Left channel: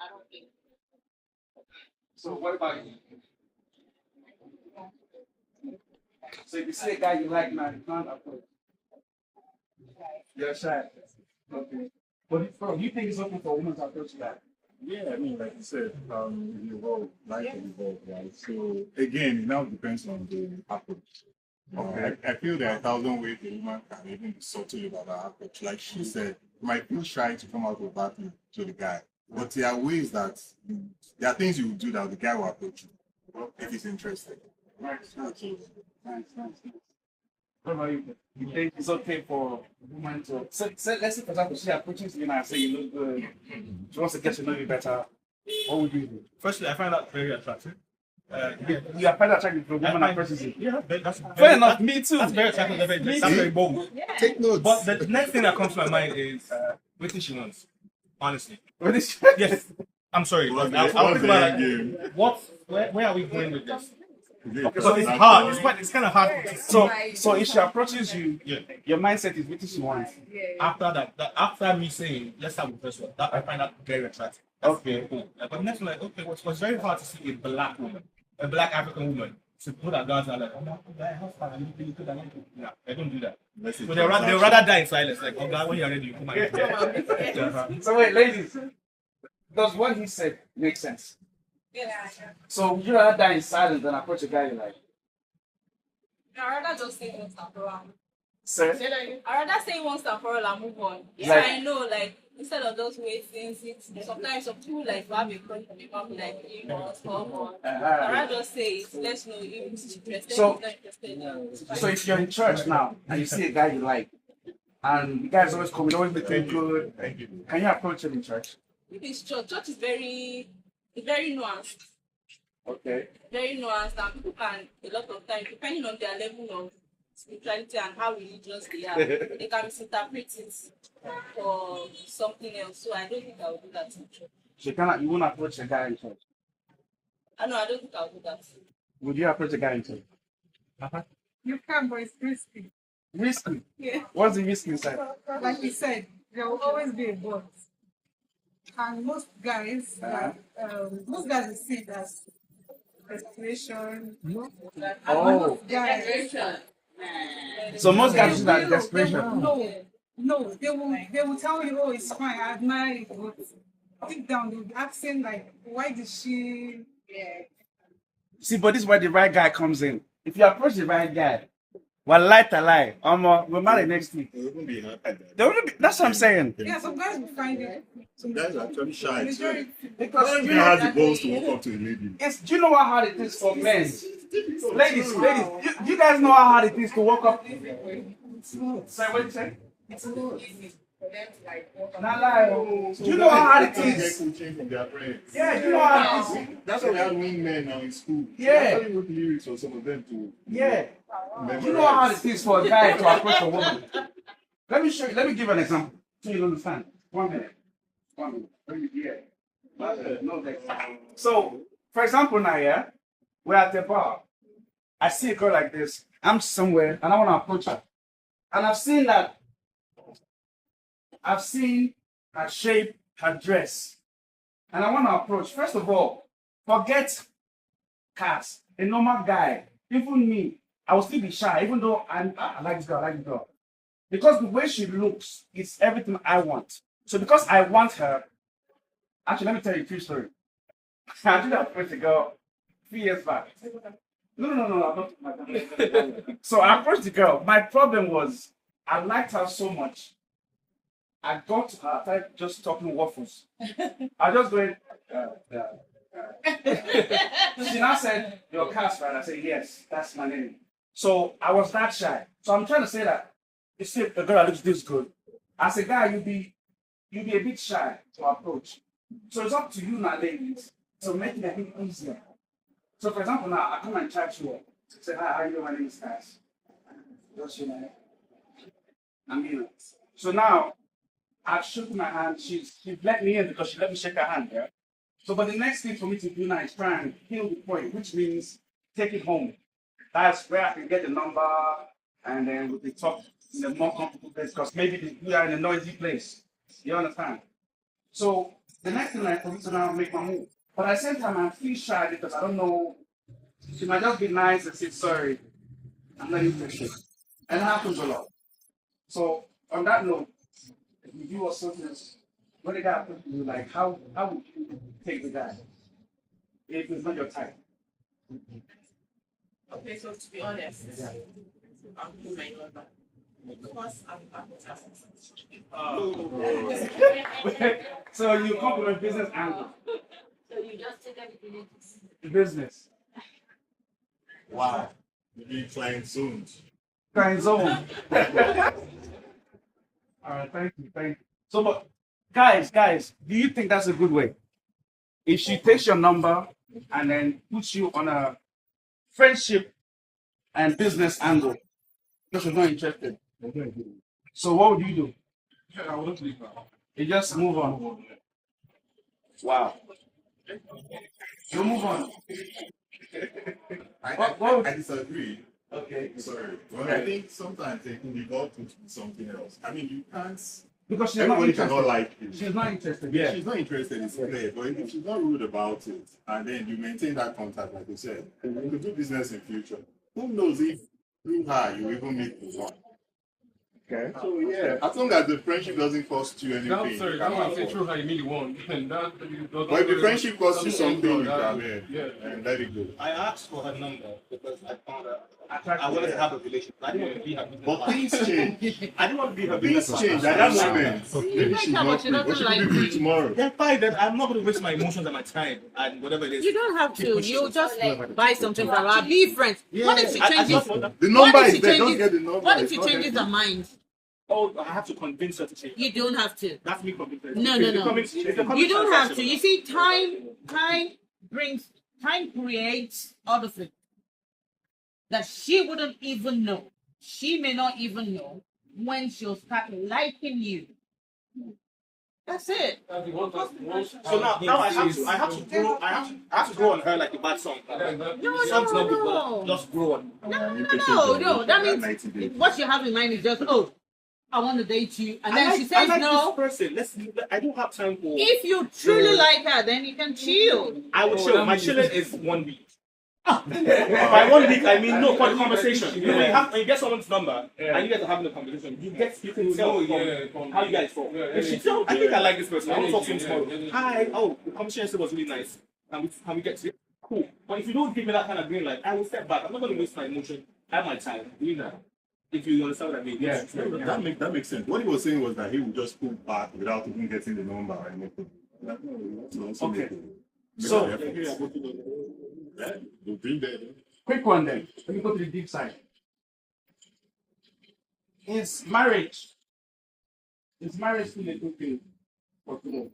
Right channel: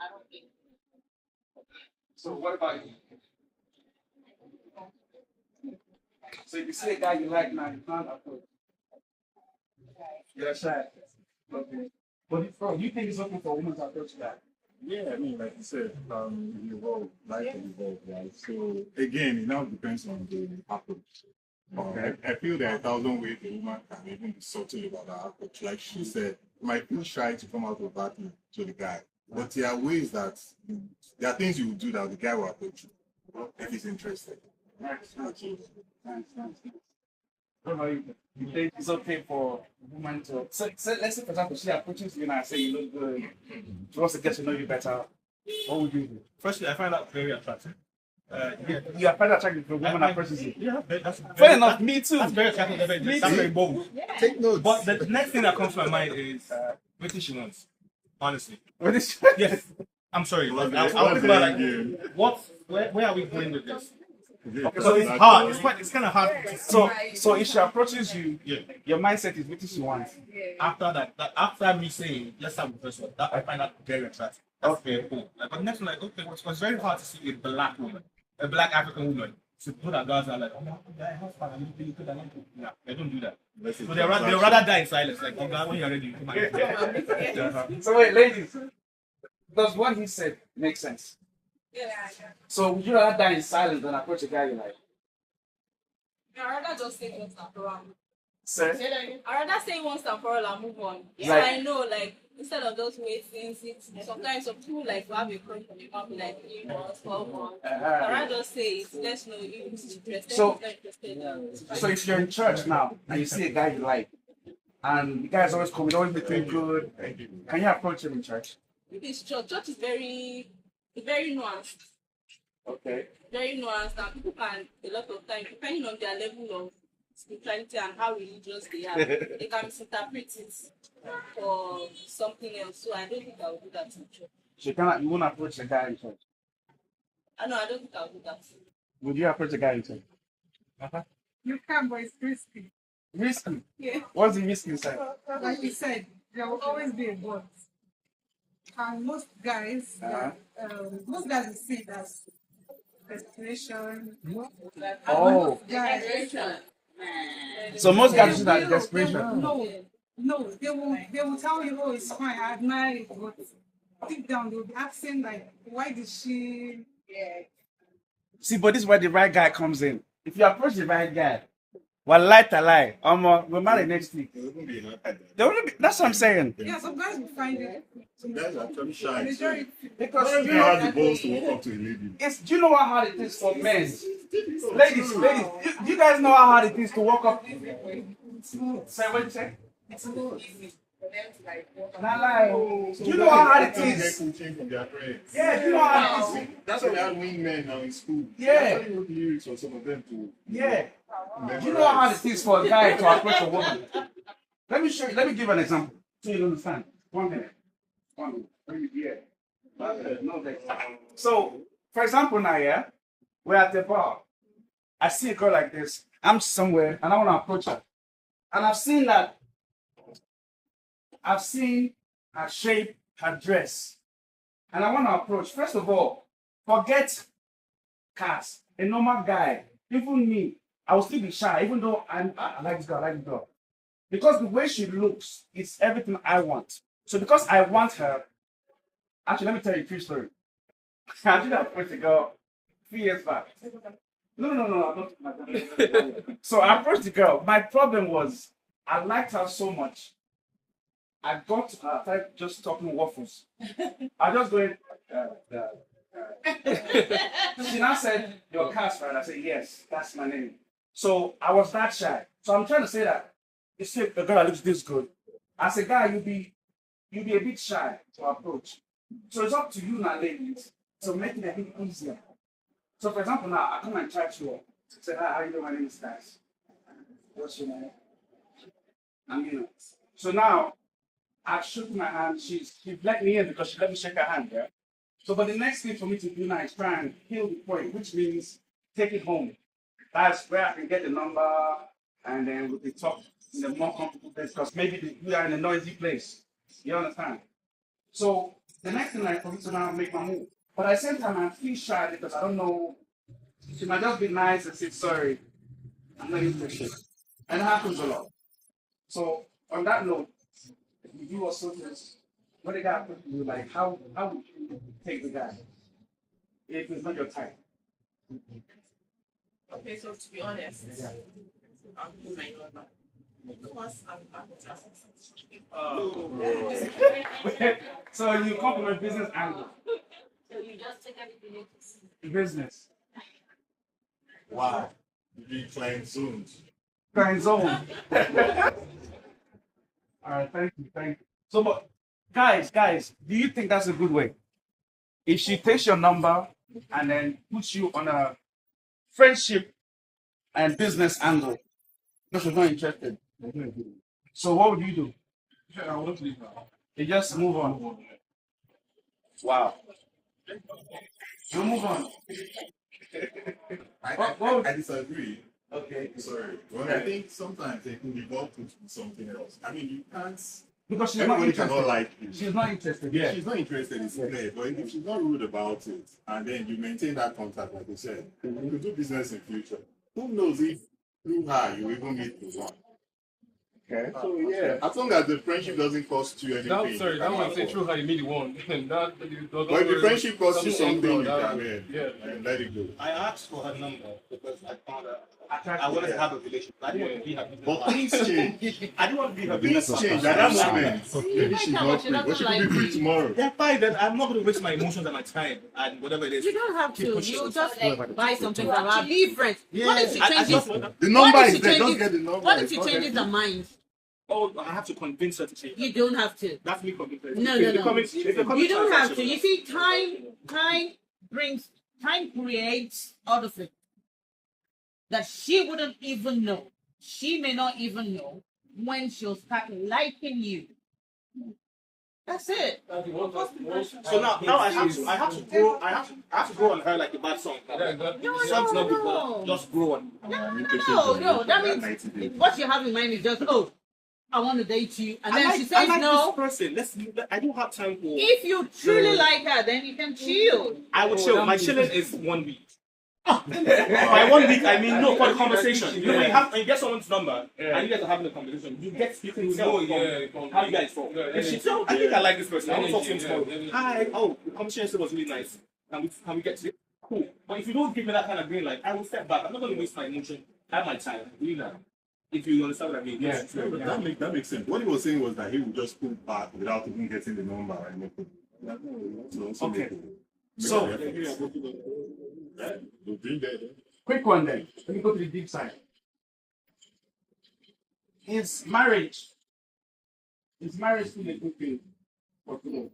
I don't think. So what about you? So if you see a guy you like now, you can't approach. You're shy. Okay. But you think it's okay for a woman to approach a guy? Yeah, I mean, like you said, you evolve, life will evolve, right? So again, it now depends on the approach. Okay. I feel there are 1,000 ways a woman can even be subtle about her approach. Like she said, you might feel shy to come out of that to the guy. But there are ways that there are things you will do that the guy will approach you if he's interested. Nice. What about you? You think it's okay for a woman to let's say for example she approaches you and say you look good. She wants to get to know you better. What would you do? Firstly, I find that very attractive. You are quite attracted to a woman that approaches you. Yeah, that's Fair enough, me too. That's very attractive. That's very bold. Yeah. Take notes. But the next thing that comes to my mind is what she wants. Honestly, What is yes. I'm sorry. What's I'll the think about end like, game? where are we going with this? Okay, So it's hard. It's kind of hard. To so if she approaches you, yeah. your mindset is what she wants. After that, after me saying let's start with the first one, that I find that very attractive. That's Okay. cool. Like, but next one, like okay, what's very hard to see a black woman, a black African woman, to put her guards are like, oh my God, how far are you really good? No, they don't do that. So they'll rather die in silence. Like, oh God, when you're ready, you come out. So wait, ladies, does what he said make sense? Yeah. So would you rather die in silence than approach a guy you like? I'd rather just say once and for all. Sir? I'd rather say once and for all and move on. Yeah. So I know, like, instead of those waiting, sometimes some people like have a crush on the family like 3 months, 4 months. I'd rather just say it. Let's know if it's interested. So- if it's not interested. So if you're in church now and you see a guy you like, and the guy's always coming, always between you, can you approach him in church? If it's church is very nuanced. Okay. Very nuanced, and people can a lot of times, depending on their level of spirituality and how religious they are, they can misinterpret it for something else. So I don't think I would do that in church. So you won't approach a guy in church. I know I don't think I would do that. Would you approach a guy in church? You can, but it's risky. Risky. Yeah. What's the risk inside? Like you said, there will always be a but. And most guys, most guys will see it as desperation. Like, Oh. most guys, So most guys they use that will- desperation. No, they will tell you, oh, it's fine, I admire it, but deep down they'll be asking like, why did she? See, but this is where the right guy comes in. If you approach the right guy, well, lie to lie, we're married next week. They won't be happy. That's what I'm saying. Yeah, some guys will find it. Some guys are actually shy. So Majority. Because he has the balls to walk up to a lady. do you know how hard it is for men? Ladies, you guys know how hard it is to walk up. Say what you say? It's not easy for them to like walk up. Not lie. So Do you know how hard it guys is? get coaching from their friends. Yeah, you know how hard it is. That's why we had wingmen now in school. Yeah. They actually wrote lyrics for some of them to. Yeah. Do you know how hard it is for a guy to approach a woman? Let me show you. Let me give an example so you understand. 1 minute. 1 minute. Yeah. No, so, for example, now, yeah, we're at the bar. I see a girl like this. I'm somewhere and I want to approach her. And I've seen her shape, her dress. And I want to approach. First of all, forget cast. A normal guy, even me, I will still be shy, even though I like this girl, Because the way she looks, it's everything I want. So because I want her, actually, let me tell you a true story. I did approach a girl 3 years back. No, I'm not. So I approached the girl. My problem was, I liked her so much. I got to her, I started just talking waffles. I just going, She now said, your cast, right? I said, yes, that's my name. So I was that shy. So I'm trying to say that, you see a girl that looks this good. As a guy, you'll be a bit shy to approach. So it's up to you now, ladies, to make it a bit easier. So for example, now I come and chat to you. Say, hi, how you doing? My name is Cass. What's your name? Amina. So now I've shook my hand. She's let me in because she let me shake her hand, yeah? So but the next thing for me to do now is try and kill the point, which means take it home. That's where I can get the number and then we can talk in a more comfortable place because maybe we are in a noisy place. You understand? So the next thing I for me to now make my move. But at the same time, I feel shy because I don't know. She might just be nice and say, sorry, I'm not interested. And it happens a lot. So, on that note, if you also this, what the guy put you, like, how would you take the guy if it's not your type? Okay, so to be honest, I'm doing my number. Because I'm So, you come from a business angle. So you just take everything Business. Wow. You'll be flying soon. Kind zone. All right, thank you. So, but guys, do you think that's a good way? If she takes your number and then puts you on a friendship and business angle, because you're not interested. So, what would you do? I wouldn't leave her. You just move on. Wow. You move on. I disagree. Okay. Sorry. Well, I think sometimes they can evolve into something else. I mean, you can't. Because she's not Everybody interested. cannot like you. She's not interested. Yeah, she's not interested in play, but if she's not rude about it, and then you maintain that contact, like you said, you could do business in future. Who knows if through her you even meet one? Okay. So yeah, as long as the friendship doesn't cost you anything. No, sorry, that one say true how you meet one. But if the friendship costs you something, you can and let it go. I asked for her number because I found out I wanted to have a relationship. I didn't want to be her business But partner. things change. I didn't want to be her business Things partner. change at that moment. Maybe she's not free. But she could be free tomorrow. They're fine. Then I'm not going to waste my emotions and my time and whatever it is. You don't have Keep to. pushing. You just like buy something from her. Be friends. What if she I changes? just want that. The What number if is she there. Just changes? get the number. What if It's she not changes there. her mind? Oh, I have to convince her to change. You don't have to. That's me convincing her. No. You don't have to. You see, time creates other things that she wouldn't even know. She may not even know when she'll start liking you. That's it. So now I have to grow on her like a bad song. Song's not good, but just grow on. No. That means what you have in mind is just, oh, I want to date you, and then she I says like no. This person. I don't have time for. If you truly like her, then you can chill. I will chill. My chilling is 1 week. By 1 week, I mean no for conversation. You know, when you get someone's number and you guys are having a conversation, you can tell from how you guys talk. If she tells, I think I like this person. I want to talk to him tomorrow. Hi, oh, the conversation was really nice. Can we get to it? Cool. But if you don't give me that kind of green light, I will step back. I'm not going to waste my emotion and my time. Believe that. If you understand what I mean. Yeah, that makes sense. What he was saying was that he would just pull back without even getting the number or anything. Okay. So, Quick one then. Let me go to the deep side. Is marriage still a good thing for today?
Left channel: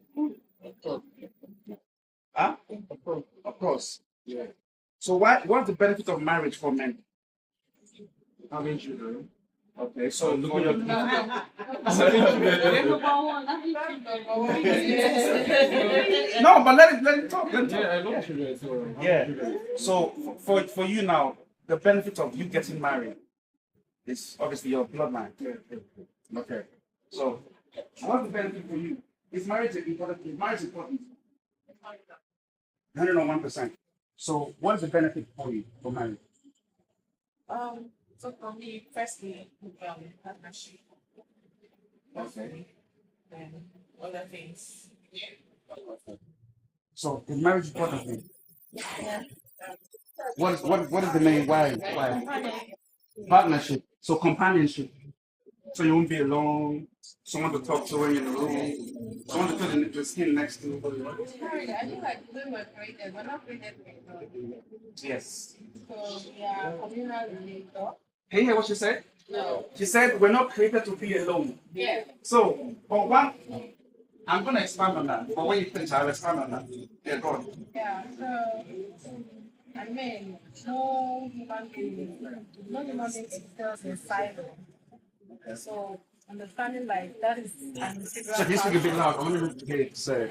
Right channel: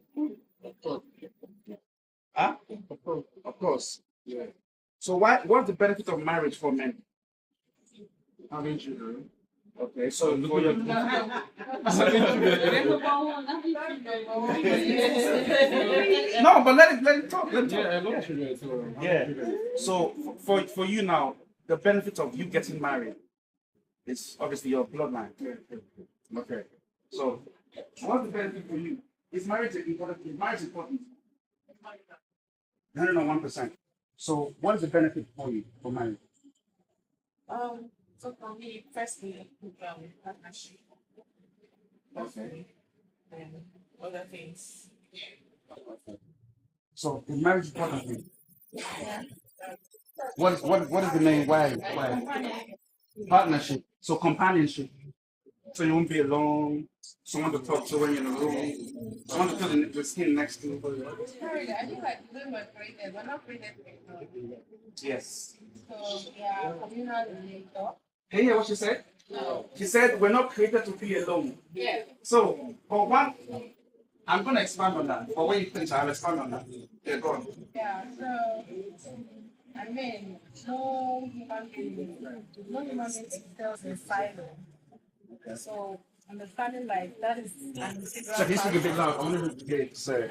Huh? Of course. Yeah. So what's the benefit of marriage for men? Having children. Okay, so look at your No, but let it talk. Yeah. So for you now, the benefit of you getting married is obviously your bloodline. Okay. So what's the benefit for you? Is marriage important? Is marriage important? 101%. So what is the benefit for you for marriage? So for me, firstly, partnership. Okay. Then other things. So is marriage important for you? What is the main why? Partnership. So companionship. So you won't be alone. Someone to talk to when you're in a room. Someone to feel the skin next to. I feel like when we're created, we're not created for Yes. So yeah, communal relator. Hey, hear what she said? No. She said we're not created to be alone. Yeah. So, for one, I'm going to expand on that. But when you finish, I'll expand on that. Yeah, go on. Yeah. So I mean, no human being exists in silo. So understanding like that is an integral So, this is a bit part. loud. I want to hear it say.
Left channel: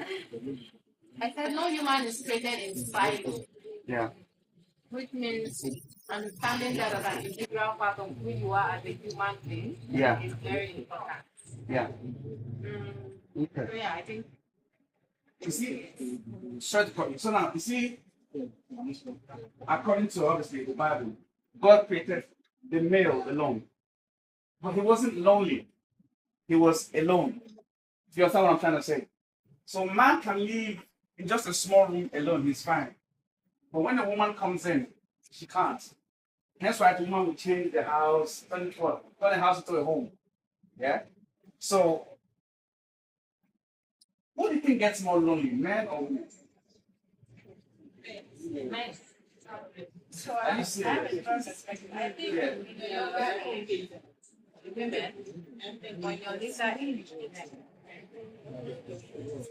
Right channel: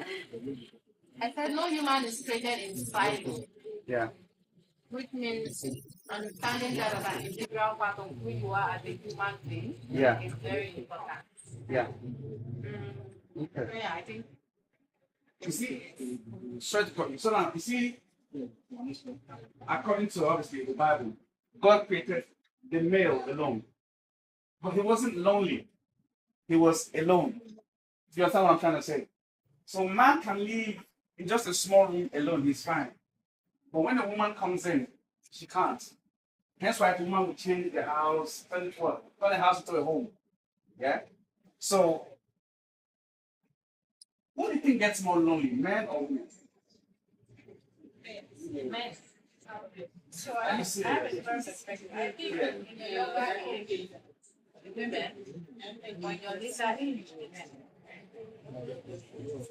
I said no human is created in silo, Yeah. which means understanding that as an integral part of who you are as a human being Yeah. is very important. Yeah. So Okay. yeah, I think You see, straight cut. So now, you see, according to obviously the Bible, God created the male alone, but he wasn't lonely. He was alone. You understand what I'm trying to say? So man can live in just a small room alone. He's fine. But when a woman comes in, she can't. Hence why the woman will change the house, turn the house into a home. Yeah. So, who do you think gets more lonely, men or women? Men. So Are you I have a serious? different perspective. I think Yeah. in the younger age, women, and when you're later age, men.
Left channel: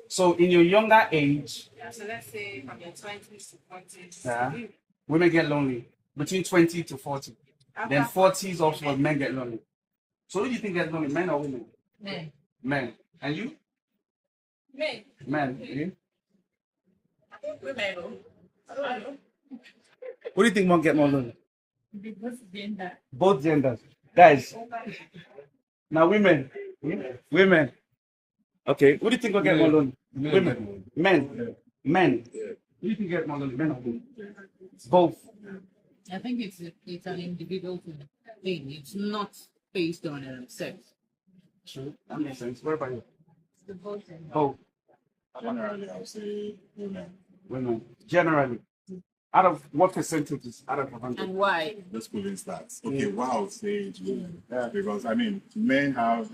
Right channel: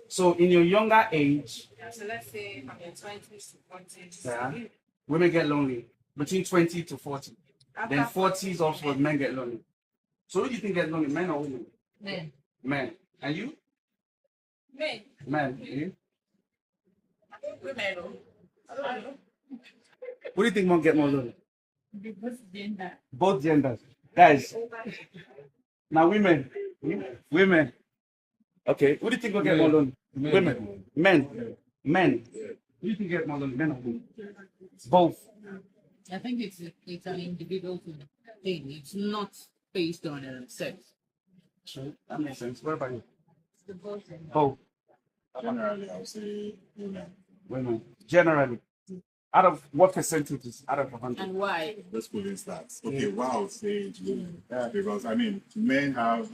So, in your younger age, Yeah, so let's say from your 20s to 40s, yeah, women get lonely between 20 to 40. after Then 40, 40s also men get lonely. So, who do you think gets lonely, men or women? Men. Men. And you? men, Men. You? women, oh. I don't know. Who do you think won't get more lonely? Because gender. Both genders. Guys, now women. Women. Okay. Who do you think will get more lonely? Women. Men. Men. Who do you think get more lonely? Men or women? Both. I think it's an individual thing. It's not based on sex. Sure. That makes sense. What about you? The both thing. Both. Generally, I would say women. Women. Generally. Out of what percentages? Out of 100? And why? Let's put in stats. Okay, wow, I would say women. Yeah, because I mean, men have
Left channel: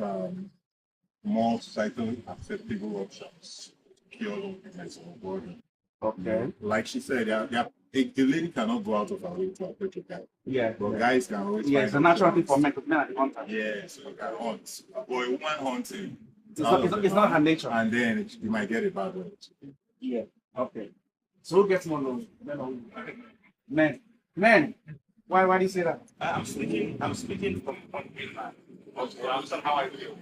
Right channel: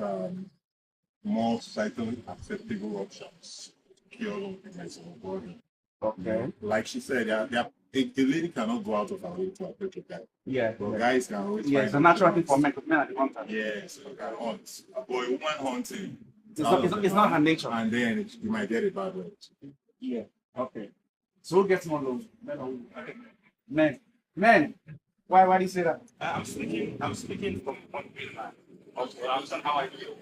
more societally acceptable options to cure loneliness in the body. Okay. Like she said, a lady cannot go out of her way to approach a guy. Yeah. But guys can always Yeah, find it's a natural thing options. for men because men are the one type. Yeah, so you can hunt. But a woman hunting, It's not her nature. and then you might get a bad word. Yeah. Okay. So who gets more lonely? Men or women? Men. Men. Why do you say that? I'm speaking from one real man. Okay, I understand how I feel.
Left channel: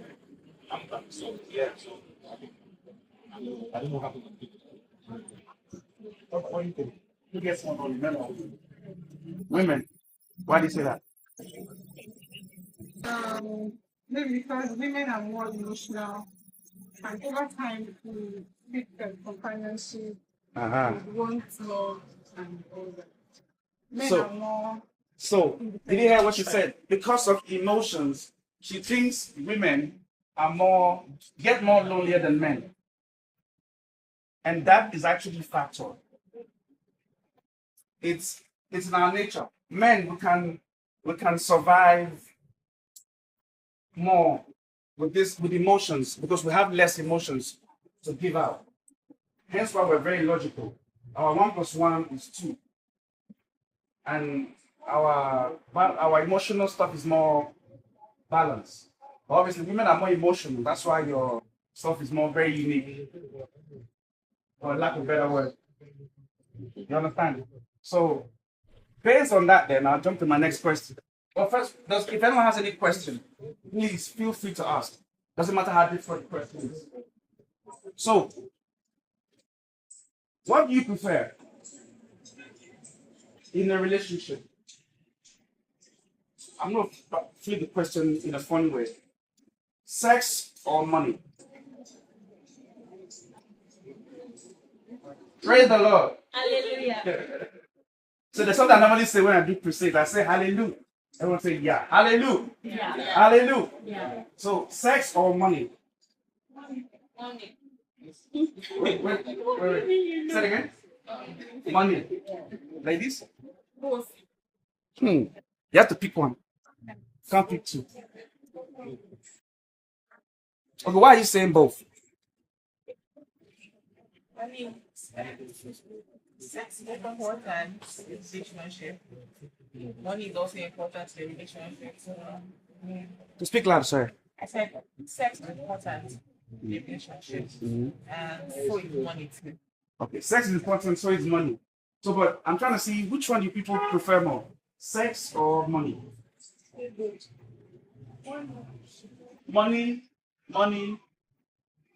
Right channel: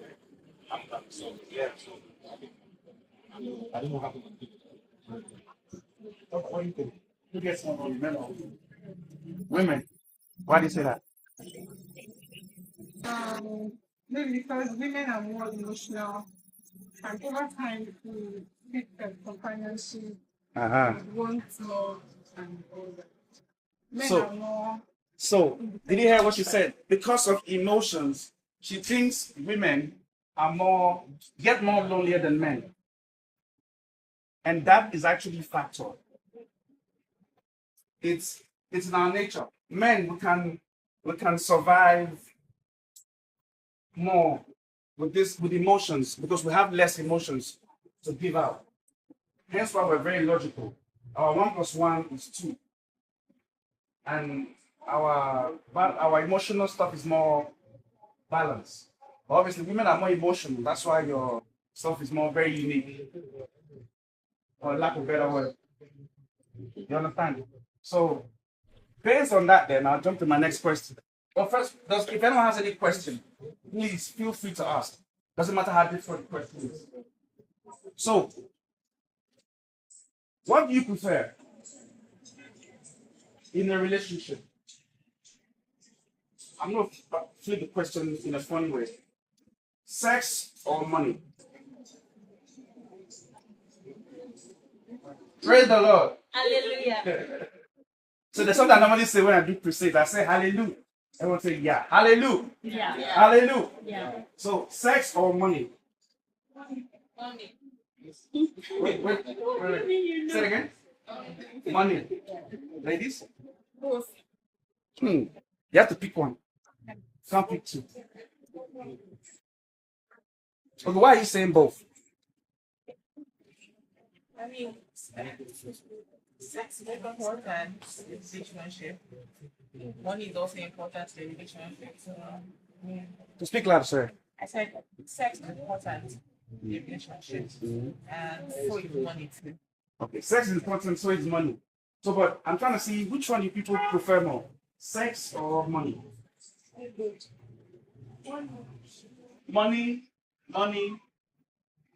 So yeah, so I don't know how to do it. What do you think? Who gets more lonely? Men or women? Women. Why do you say that? Maybe because women are more emotional, and over time to pick companionship, want love, and all that. Men So- are more. So, did you hear what she said? Because of emotions, she thinks women get more lonelier than men. And that is actually factual. It's in our nature. Men, we can survive more with emotions because we have less emotions to give out. Hence why we're very logical. Our 1 + 1 is 2. And our emotional stuff is more balanced. Obviously, women are more emotional. That's why your stuff is very unique. For lack of a better word. You understand? So, based on that, then I'll jump to my next question. But first, if anyone has any question, please feel free to ask. Doesn't matter how different the question is. So, what do you prefer in a relationship? I'm going to flip the question in a funny way. Sex or money? Praise the Lord. Hallelujah. So there's something I normally say when I do crusades. I say hallelujah. Everyone say yeah. Hallelujah. Yeah. Hallelujah. Yeah. So sex or money? Money. Wait. Say it again. Money. Ladies? Both. You have to pick one. Can't pick two. Okay, why are you saying both? I mean, sex is important in relationship. Money is also important in the relationship. So, yeah. To speak loud, sir. I said sex is important in the relationship, and so is money too. Okay, sex is important, so is money. So, but I'm trying to see which one do people prefer more, sex or money? Money.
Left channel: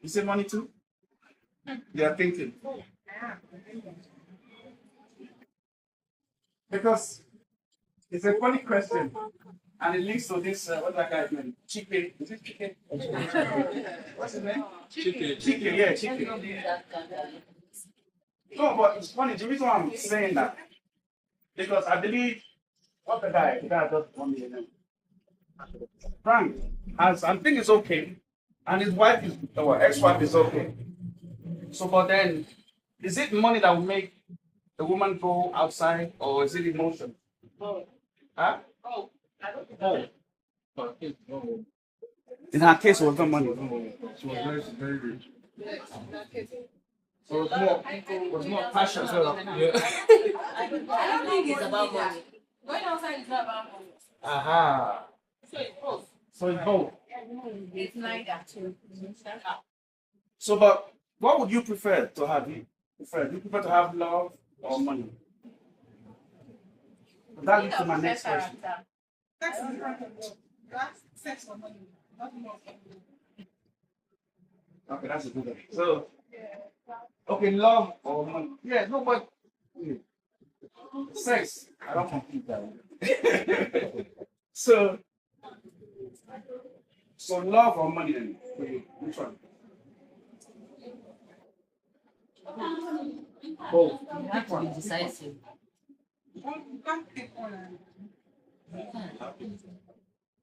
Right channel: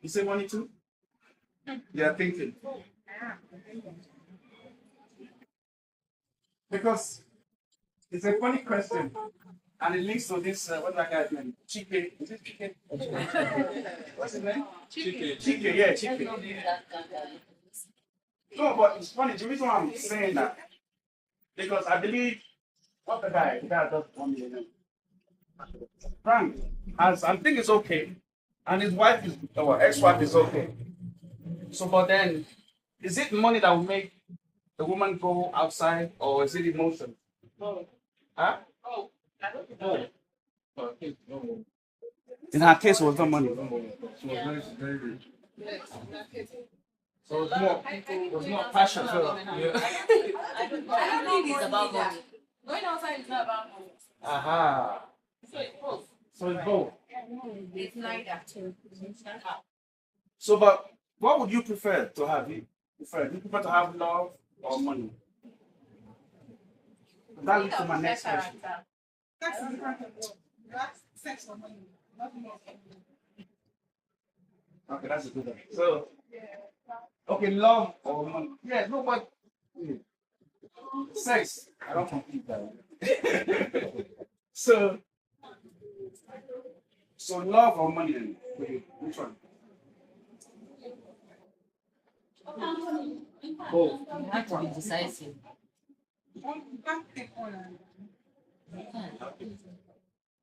You say money too? They are thinking. Because it's a funny question. And it links to this, what's that guy's name? Chike. Is it Chike? What's his name? Chike, yeah, Chike. No, but it's funny. The reason why I'm saying that, because I believe, what's the guy? The guy does 1 million. Frank, as I think it's okay. And his wife is, or ex-wife is okay. So, but then, is it money that will make the woman go outside, or is it emotion? Huh? Oh. In her case, it was not money. She was very, very rich. So it was more passion. So, yeah. I don't think it's about money. Going outside is not about money. Aha. So it's both. It's neither. So, but what would you prefer to have? Do you prefer to have love or money? That leads to my next question. Sex is not a love. That's sex or money. Not more. Okay, that's a good one. So, okay, love or money? Yeah, no, but sex. I don't complete that one. So love or money then? For you, which one? Both. You have to be decisive. You can't take one and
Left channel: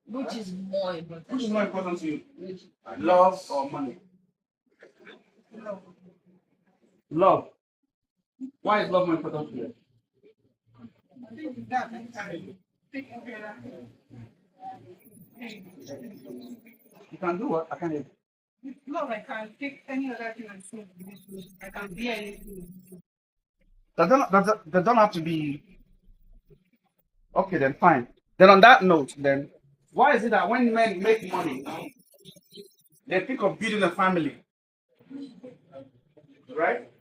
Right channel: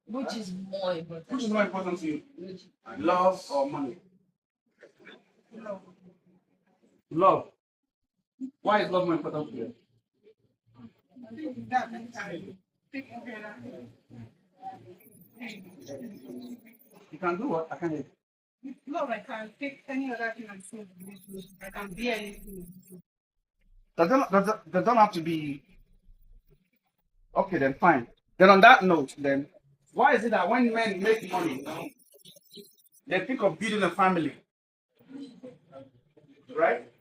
Which is more important? Which is more important to you? Love or money? love. Love. Why is love more important to you? I think that I can take care of You can do what? I can. With love, I can take any other thing and say I can be anything. They don't have to be. Okay, then fine. Then on that note, then why is it that when men make money, they think of building a family, right?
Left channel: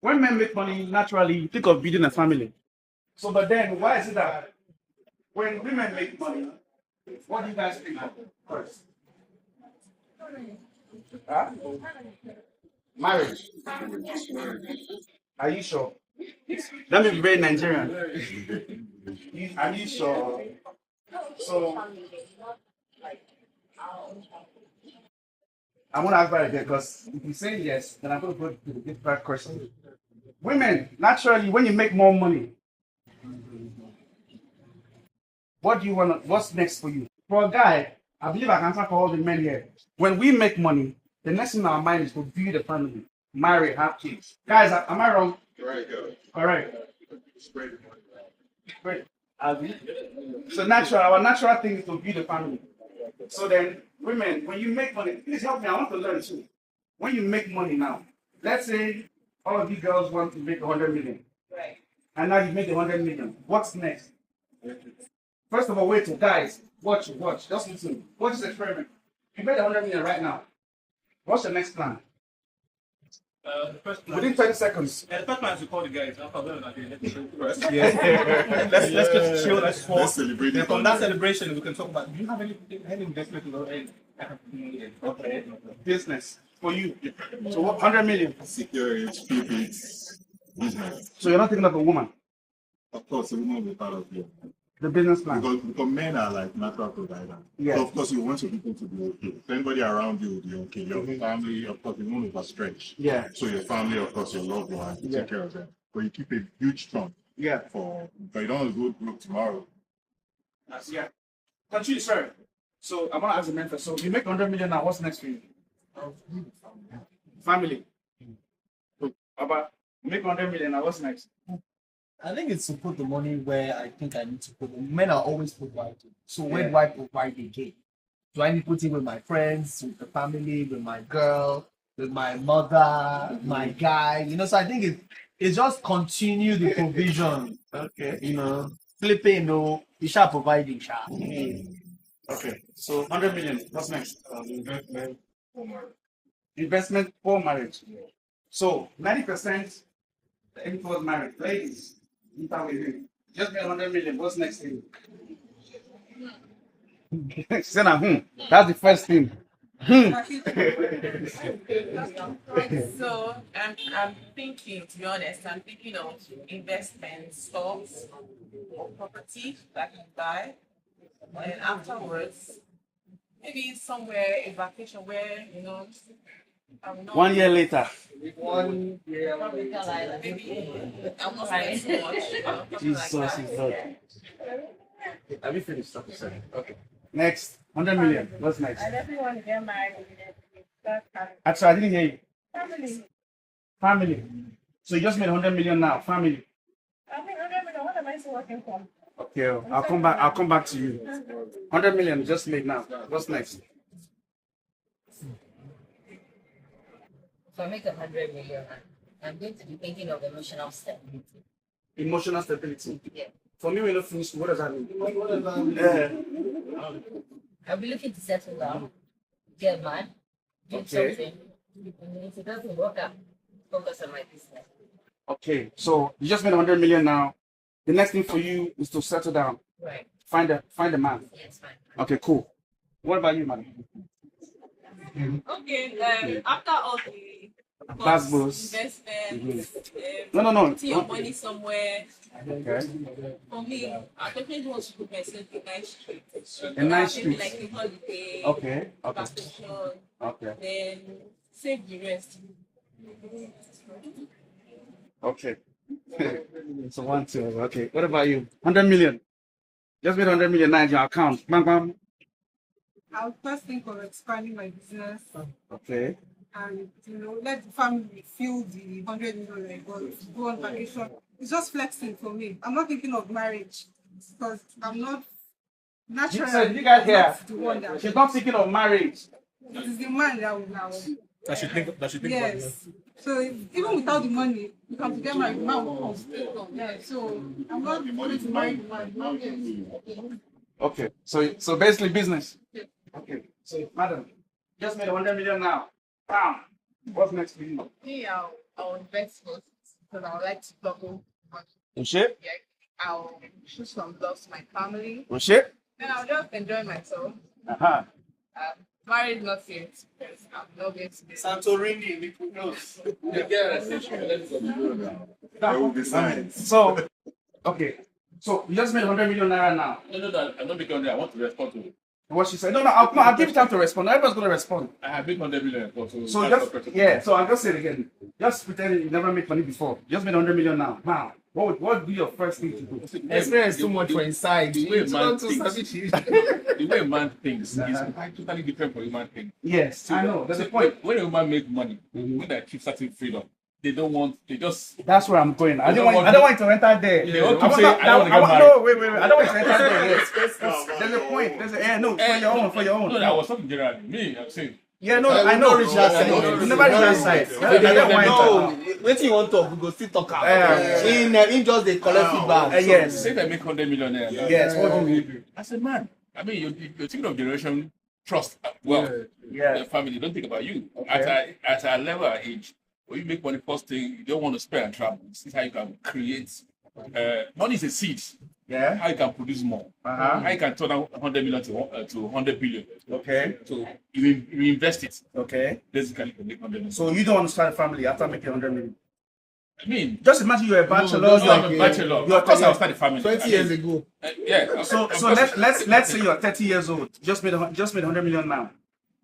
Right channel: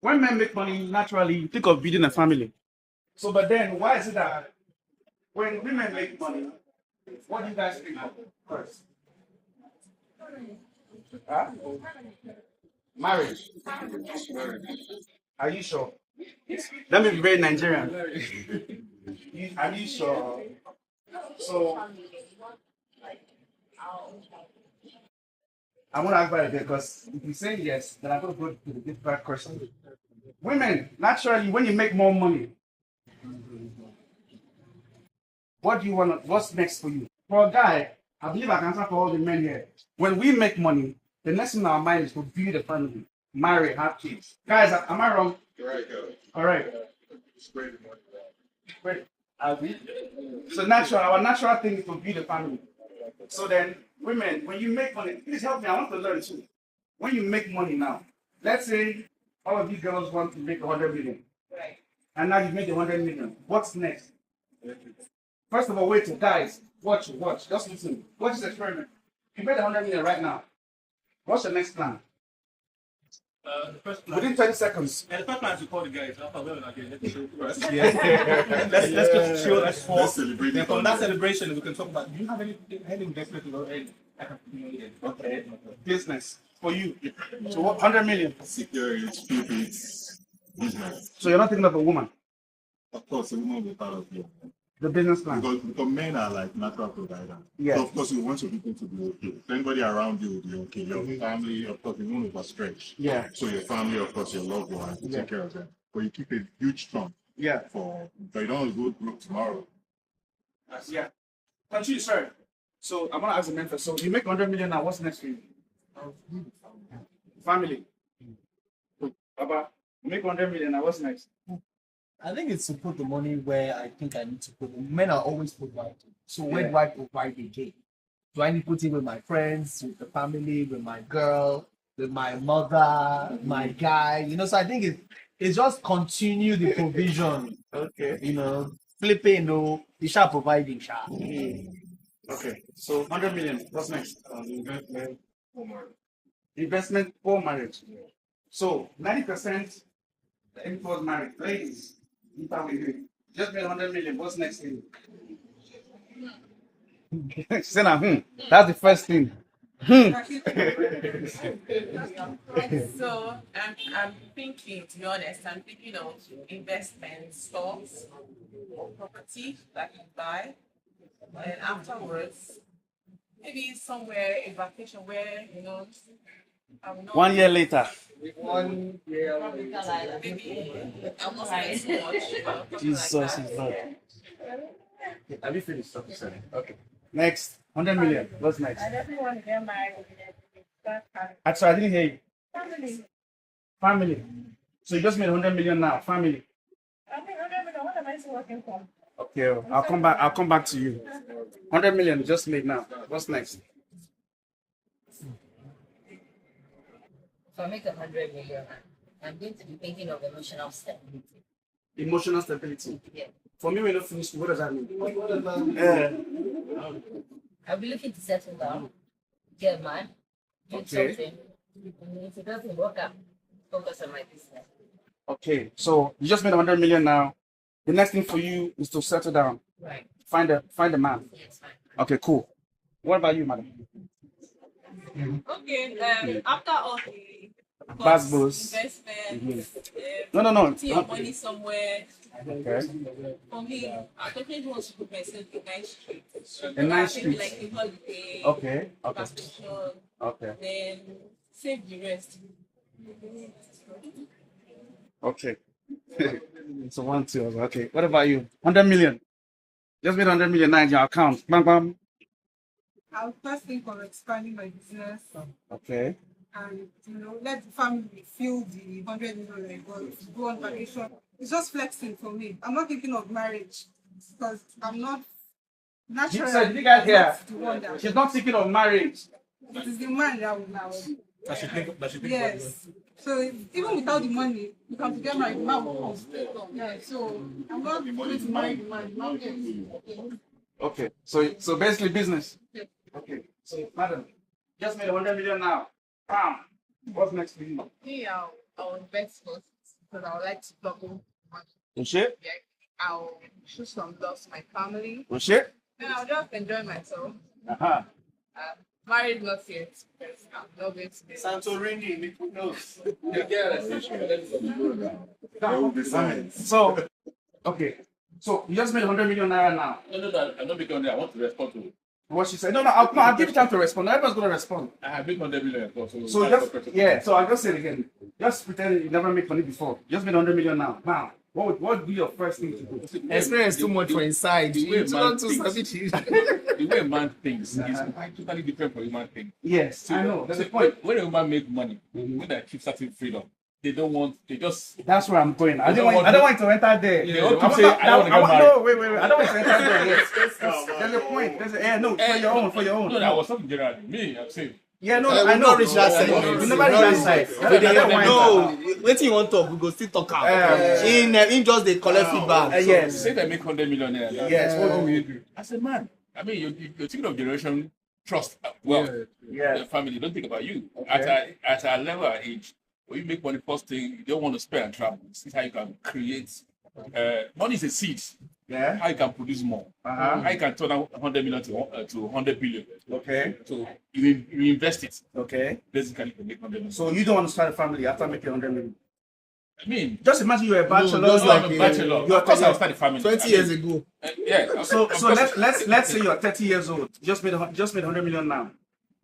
When men make money, naturally you think of building a family. So, but then why is it that when women make money, what do you guys think of first? Huh? Marriage. Are you sure? Let me be very Nigerian. Are you sure? So, I'm going to ask that again because if you say yes, then I'm going to go to the different question. Women, naturally, when you make more money, what do you want? What's next for you? For a guy, I believe I can answer for all the men here. When we make money, the next thing in our mind is to build a family, marry, have kids. Guys, am I wrong? Right, All right. Great. So natural, our natural thing is to build a family. So then, women, when you make money, please help me. I want to learn too. When you make money now, let's say all of you girls want to make 100 million. Right. And now you made 100 million. What's next? First of all, wait till guys, watch. Just listen. Watch this experiment. You made 100 million right now. What's your next plan? The first plan. Within 20 seconds. The first plan is to call the guys. After let's chill first. Let's just chill. Let's talk. Let's celebrate. Then from that celebration, we can talk about. Do you have any investment or any? Okay. Business for you. So what? 100 million. Secure it, flip it, business. So you're not thinking of a woman. Of course, the woman will be part of it. The business plan. Because men are like natural providers. Yeah. So of course you want your people to be okay. If anybody around you will be okay. Your family, of course, you won't overstretch. Yeah. So your family, of course, your loved ones, you take care of them. But you keep a huge chunk Yeah. but you don't want to go broke tomorrow. Yeah. Continue, sir. So I'm gonna ask the men first. So you make 100 million now. What's next for you? Family. So, Baba, you make 100 million now. What's next? I think it's to put the money where I think I need to put it. Men are always providing. So where do I provide again? Do I need to put it with my friends, with the family, with my girl, with my mother, my guy? So I think it's just continue the provision. Okay. Flipping, you shall provide it. Okay. So 100 million. What's next? Investment for marriage. Investment for marriage. So 90% aim towards marriage. Ladies, you tell me. Just made 100 million. What's next thing? She said, that's the first thing. So I'm thinking, to be honest, I'm thinking of investment, stocks, or property that I can buy. And afterwards, maybe somewhere a vacation where, I will not 1 year later. 1 year. maybe I will not spend so much, something Jesus like is that. Lord. Have you finished? Okay. Next, 100 million. What's next? I definitely want to get married. That's Actually, I didn't hear you. family. Family. So you just made 100 million now. Family. I think 100 million. What am I still working for? Okay, I'll come back. I'll come back to you. 100 million you just made now. What's next? If I make 100 million, I'm going to be thinking of emotional stability. Emotional stability. Yeah. For me, when you finish, what does that mean? I'll be looking to settle down, get mad, do Okay. something. And if it doesn't work out, focus on my business. Okay, so you just made 100 million now. The next thing for you is to settle down. Right. Find a man. Yes, fine. Okay, cool. What about you, madam? Okay, after all the Buzz boost. investment, No. putting your money somewhere, Okay. for me, I definitely want to put myself in a nice street. A nice Maybe street. like a holiday, Okay. vacation, Okay. then save the rest. Okay. So 1, 2. Okay. What about you? 100 million. Just made 100 million now in your account. Bam, bam. I'll first think of expanding my business Okay. and let the family feel the 100 million I got. Go on vacation. It's just flexing for me. I'm not thinking of marriage because I'm not naturally. So you guys I'm here? not the one that She's not thinking of marriage. it is the man that will. That should think about it. Yes. So even without the money, you can get married. The man will come. Yeah. So I'm not going to marry the man. Okay. So basically business. Okay. So madam, just made 100 million now. Bam. What's next for you? Me, I'll invest first because I would like to double money. Oh shit. Yeah, I'll shoot some love to my family. Oh shit. Then I'll just enjoy myself. Uh-huh. Married not yet because I'm not going to be. Santorini, Mykonos. There will be signs. So, okay. So you just made 100 million naira now. No, I'm not making on there. I want to respond to it. What she said? No, I'll give you time to respond. Everyone's gonna respond. I have made 100 million. So that's just the question. yeah. So I'll just say it again. Just pretend you never made money before. You just made 100 million now. Wow. What would be your first thing to do? Experience too much for inside. The way You man want to thinks, stop it. the way man thinks is totally different from human thing. Yes, I know. That's the point. When a woman make money, when they keep certain freedom, they just That's where I'm going. I You don't don't want. want I don't want you to enter there. They want to I want say, not- I don't want to get want- married. No, wait. I don't want you to enter there. Yes. There's a point. There's a no for your own. No, that was something general. Me, I'm saying. Yeah, no, I I know. will not reach that side. You never reach that side. Okay, I don't want no, it. wetin you want talk, we go still talk am. Yeah. In just dey collect feedback. So, Yes. Say they make 100 million naira. Yes. What do we do? I said, man, I mean, you're thinking of generation trust. Well, Yeah. the family don't think about you. At a level of age, when you make money, first thing, you don't want to spend and travel. This is how you can create. Money is a seed. Yeah. How you can produce more. Uh-huh. How you can turn out 100 million to 100 billion. Okay. So you invest it. Okay. Basically, to make 100 million. So you don't want to start a family after making 100 million. I mean, Just imagine you're a bachelor. no, I'm a bachelor. Of course, I'll start a family. 20 years ago. Yeah. So let's say you're 30 years old. Just made 100 million now.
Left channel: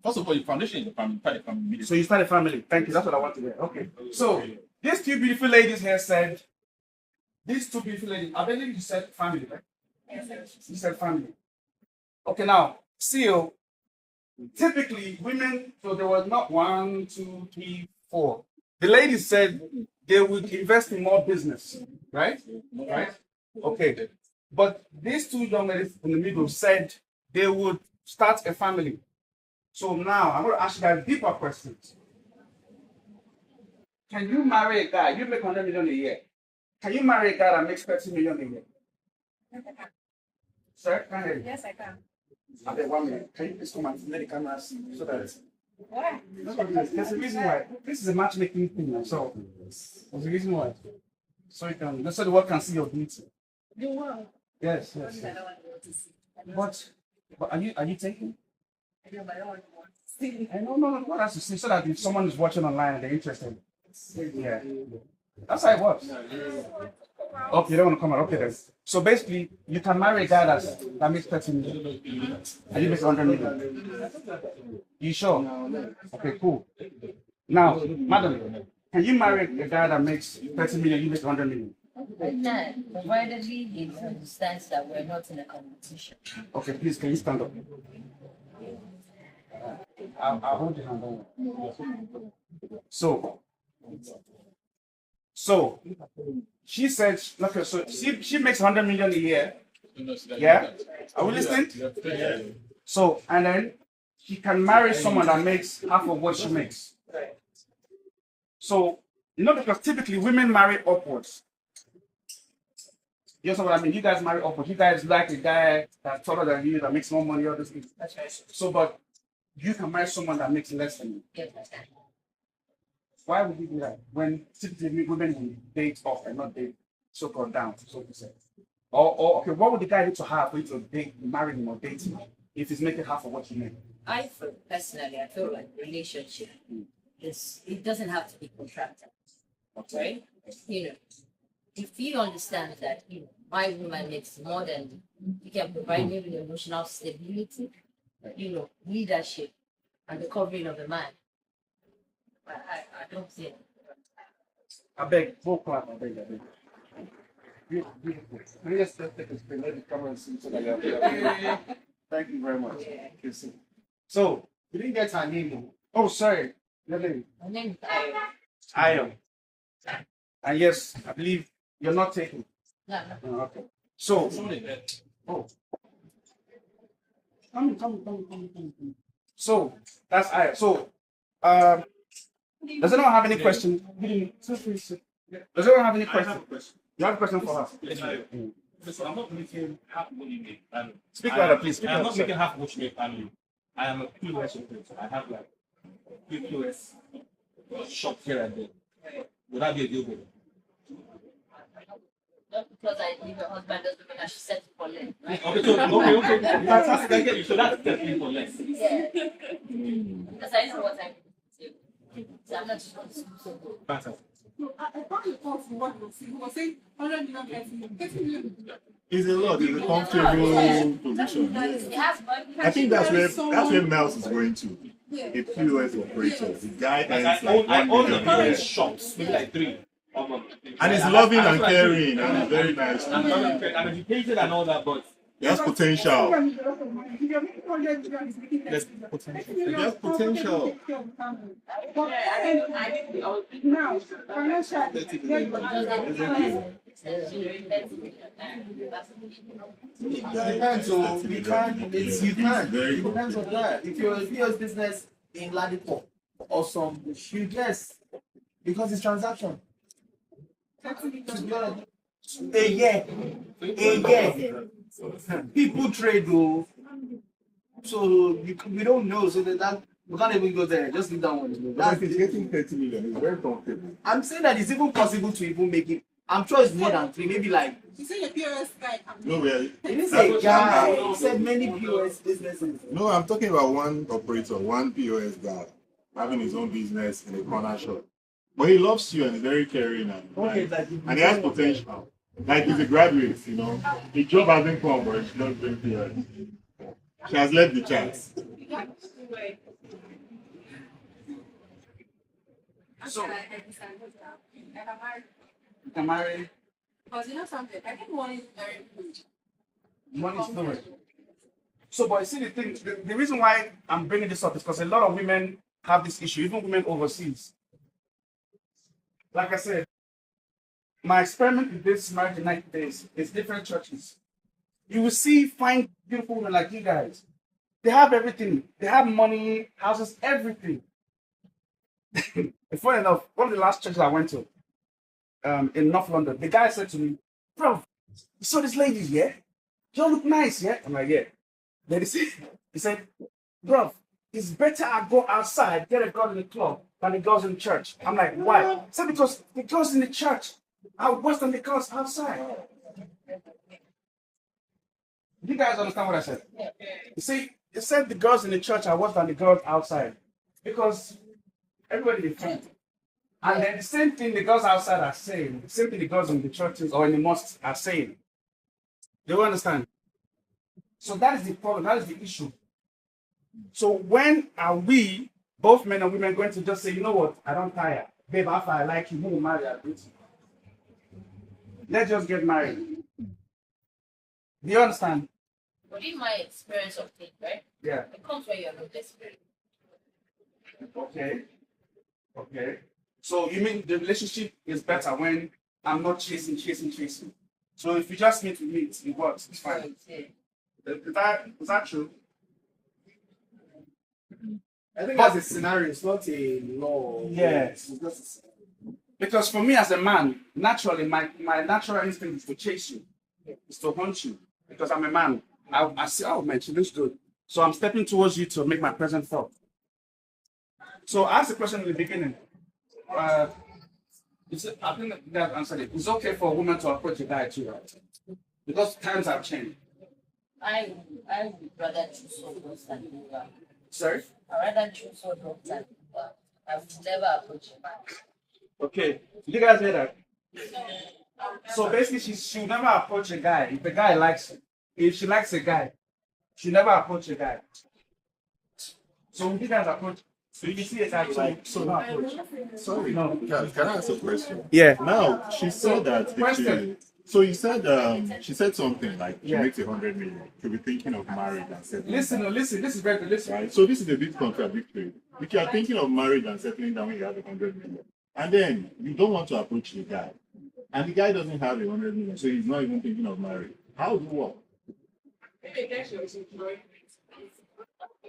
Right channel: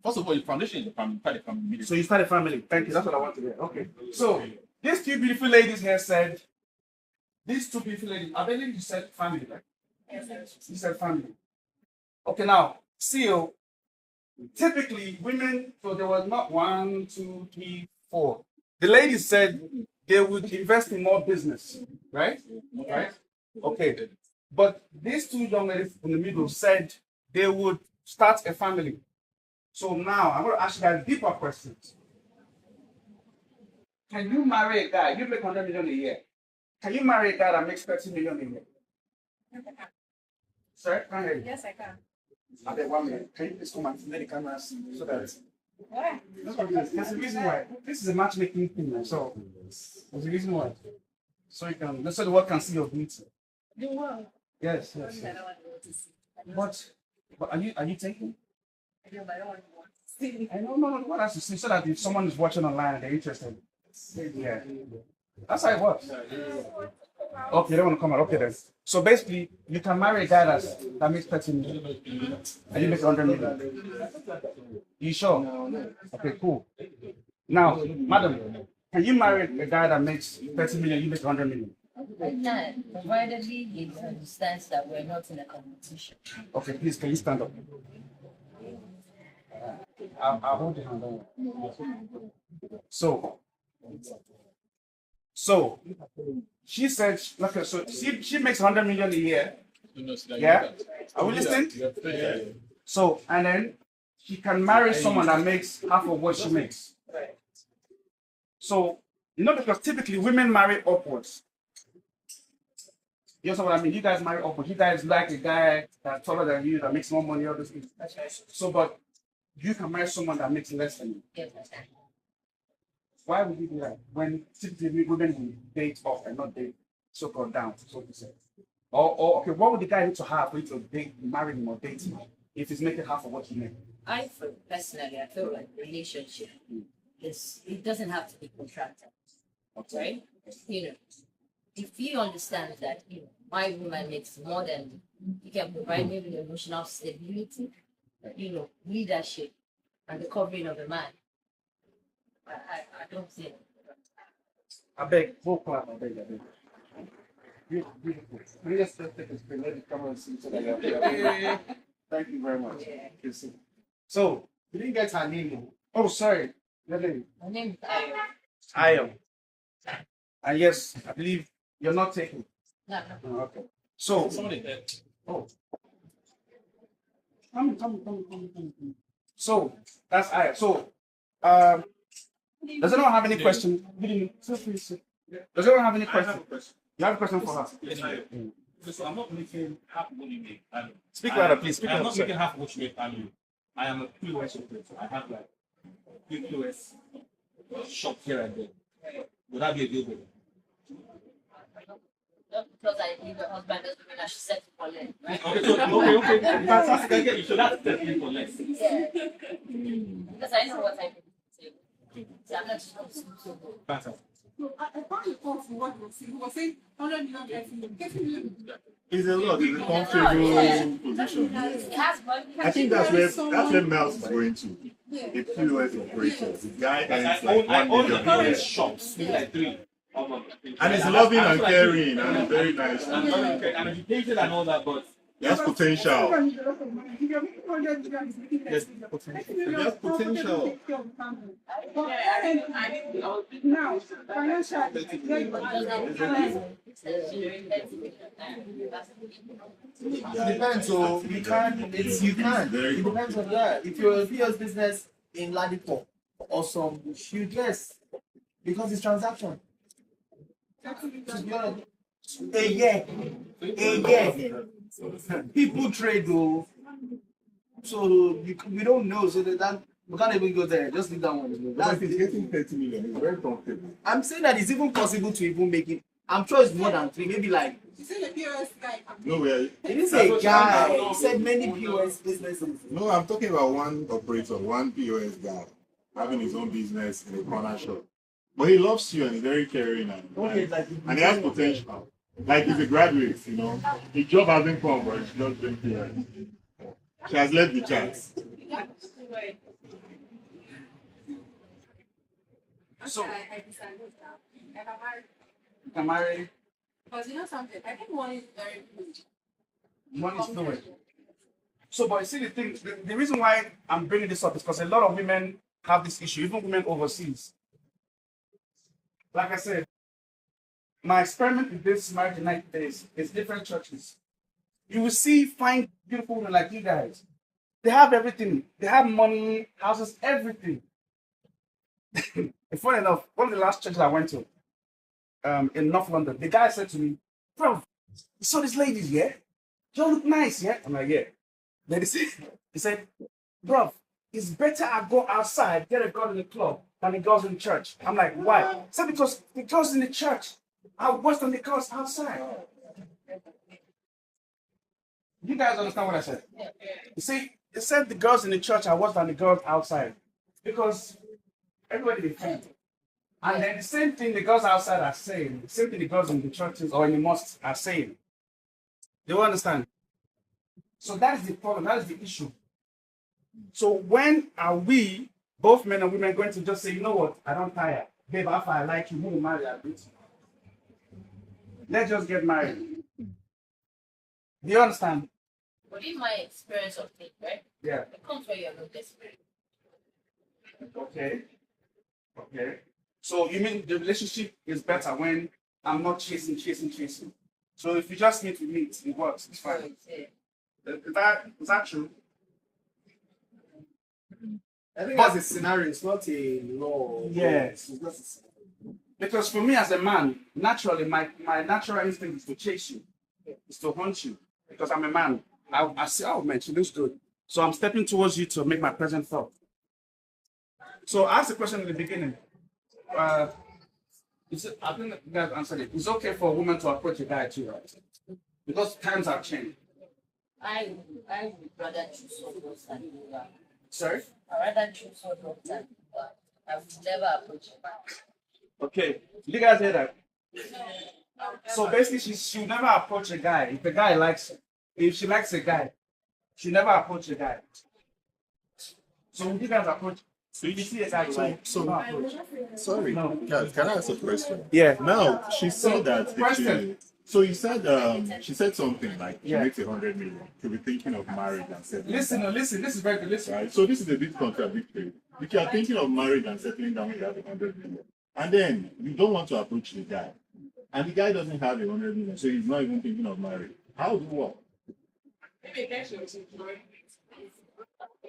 First of all, the foundation is the family. Start a family immediately. So you start a family. Thank you. That's what I want to hear. Okay. So these two beautiful ladies here said. These two beautiful ladies. I believe you said family, right? You said family. Okay. Now, CEO. Typically, women. So there was not 1, 2, 3, 4. The ladies said they would invest in more business, right? Right. Okay. But these two young ladies in the middle said they would start a family. So now I'm going to ask you guys deeper questions. Can you marry a guy? You make 100 million a year. Can you marry a guy that makes 30 million a year? Sir, can I? Yes, I can. Okay, 1 minute. Can you please come and let the camera see so that Why? there's a reason why. This is a matchmaking thing, so there's a reason why. So you can, so the world can see your beauty. The world. Yes. I don't want to go to see. But are you taking? I know, but I don't want to see. I know, no. What has to see so that if someone is watching online and they're interested, yeah, that's how it works. Okay, you don't want to come out. Okay, then. So basically, you can marry a guy that makes 30 million and you make 100 million. You sure? Okay, cool. Now, madam, can you marry a guy that makes 30 million, you make 100 million? I can, provided he understands that we're not in a competition. Okay, please, can you stand up? I'll hold your hand. Don't worry. So, she said, okay, so she makes 100 million a year. Yeah? Are we listening? So, and then she can marry someone that makes half of what she makes. So, because typically women marry upwards. You know what I mean? You guys marry upwards. You guys like a guy that's taller than you, that makes more money, all these things. So, but you can marry someone that makes less than you. Why would you do that? When typically women will date up and not date so-called down, so to say. Or okay, what would the guy need to have for you to date, marry him or date him if he's making half of what you make? I feel like relationship it doesn't have to be contracted. Right? If you understand that my woman makes more than you can provide me with emotional stability, leadership and the covering of the man. I don't see it. I beg, full clap, I beg. Beautiful. Can you just take a screen, let the camera see so that you're Thank you very much. Yeah. So, You didn't get her name. oh, sorry. Your name? My name is I am. And yes, I believe you're not taking. No. Oh, okay. So, oh. Come. So, that's I. So, does anyone have any question? Does anyone have any question? You have a question for us? Listen, I'm not making half what you make annually. Speak louder, please. Speak I'm louder. not making half what you make annually. I am a POS operator. I have like POS shop here and there. Would that be a deal breaker? Not because I leave a husband doesn't mean I should settle for less. Right? Okay. Fantastic. I get you. So that's definitely for less. Yeah. Because I know what I'm doing. So I'm not just going to school so good. Fantastic. No, I found the fault in what he was saying 100 million, 30 million. It's a lot. It's a comfortable position. It has money. I think that's where Mouse is going to. A POS operator. The guy earns like I 1 own million the a year. shops, maybe like 3. And it's loving and caring and very nice. I'm educated and all that, but There's potential. There's There's potential. Now, financially, It depends. So you can. It depends on that. If you're a POS business in Ladipo or some, you guess because it's transaction. A year. People trade though, so we don't know. So that we can't even go there. Just leave that one. But it's getting 30 million. It's very comfortable. I'm saying that it's even possible to even make it. I'm sure it's more than 3, maybe like. you say the POS guy. No, well, It is a guy. He said many POS businesses. no, I'm talking about one operator, one POS guy having his own business in a corner shop. But he loves you and is very caring and he has potential. Like he's a graduate, His job hasn't come, but he's just doing POS. She has left the chance. So, I you can marry. because you know something, I think money is very good. Money is nowhere. So, but you see the thing, the reason why I'm bringing this up is because a lot of women have this issue, even women overseas. Like I said, my experiment with this marriage in 90 days is different churches. You will see fine, beautiful women like you guys. They have everything. They have money, houses, everything. And funny enough, one of the last churches I went to in North London, the guy said to me, "Bro, you saw these ladies, yeah? You all look nice, yeah?" I'm like, "Yeah." Then he said, "Bro, it's better I go outside, get a girl in the club than the girls in the church." I'm like, "Why?" He said, "Because the girls in the church are worse than the girls outside." You guys understand what I said? You see, he said the girls in the church are worse than the girls outside because everybody is friends. And then the same thing the girls outside are saying, the same thing the girls in the churches or in the mosques are saying. Do you understand? So that is the problem, that is the issue. So when are we, both men and women, going to just say, you know what, I don't tire. Babe, after I like you, you marry a bit. Let's just get married. Do you understand? But in my experience of things, right? Yeah. It comes when you're not desperate. Okay. Okay. So you mean the relationship is better when I'm not chasing. So if you just meet, we meet, it works, it's fine. Is that true? I think that's a scenario, it's not a law. Yeah. It's just a scenario. Because for me as a man, naturally, my natural instinct is to chase you, is to hunt you. Because I'm a man. I see, oh man, she looks good. So I'm stepping towards you to make my presence felt. So I asked the question in the beginning. I think you guys answered it. It's okay for a woman to approach a guy too, right? Because times have changed. I would rather choose someone than do that. Sorry? I'd rather choose someone than do that. I would never approach a man. Okay. Did you guys hear that? So basically, she'll never approach a guy if the guy likes her. If she likes a guy, she'll never approach a guy. So when you guys approach, so you see a guy you like, so no approach. Sorry, No. can I ask a question? Yeah. Now, she said that if she, so you said she said something like she makes 100 million. She'll be thinking of marriage and settling. Listen, this is very good. Listen. Right? So this is a bit contradictory. If you are thinking of marriage and settling down when you have 100 million, and then you don't want to approach the guy, and the guy doesn't have 100 million, so he's not even thinking of marriage. How do you work?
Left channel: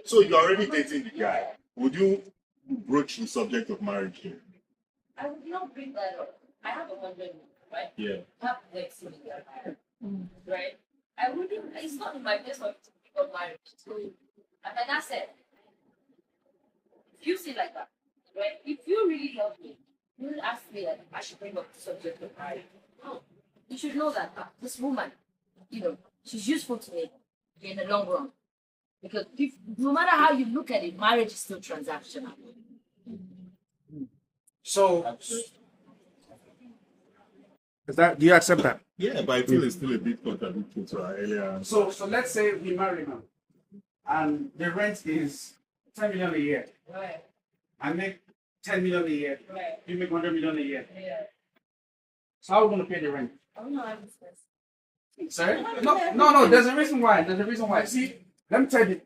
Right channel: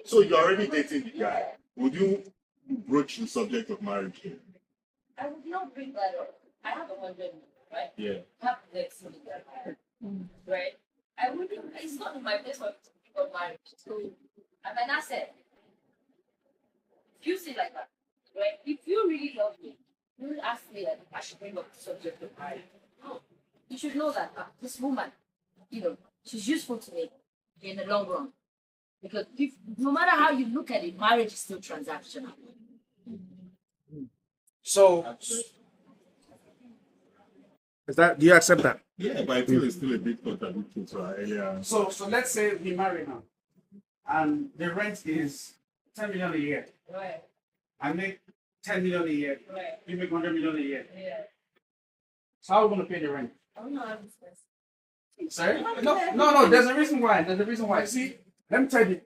So you're already dating the guy. Would you broach the subject of marriage here? I would not bring that up. I have 100 million, right? Yeah. I have next million, right? I wouldn't, it's not in my place for to think of marriage. So, and then I said, if you see like that, right? If you really love me, you will ask me that I should bring up the subject of marriage. No. You should know that this woman, she's useful to me in the long run. Because no matter how you look at it, marriage is still transactional. So, do you accept that? Yeah, but I feel it's still a bit contradictory to our earlier. So let's say we marry now, and the rent is 10 million a year. Right. I make 10 million a year. Right. You make 100 million a year. Yeah. So how are we going to pay the rent? I don't know how this works. Sorry? No. There's a reason why. See, let me tell you.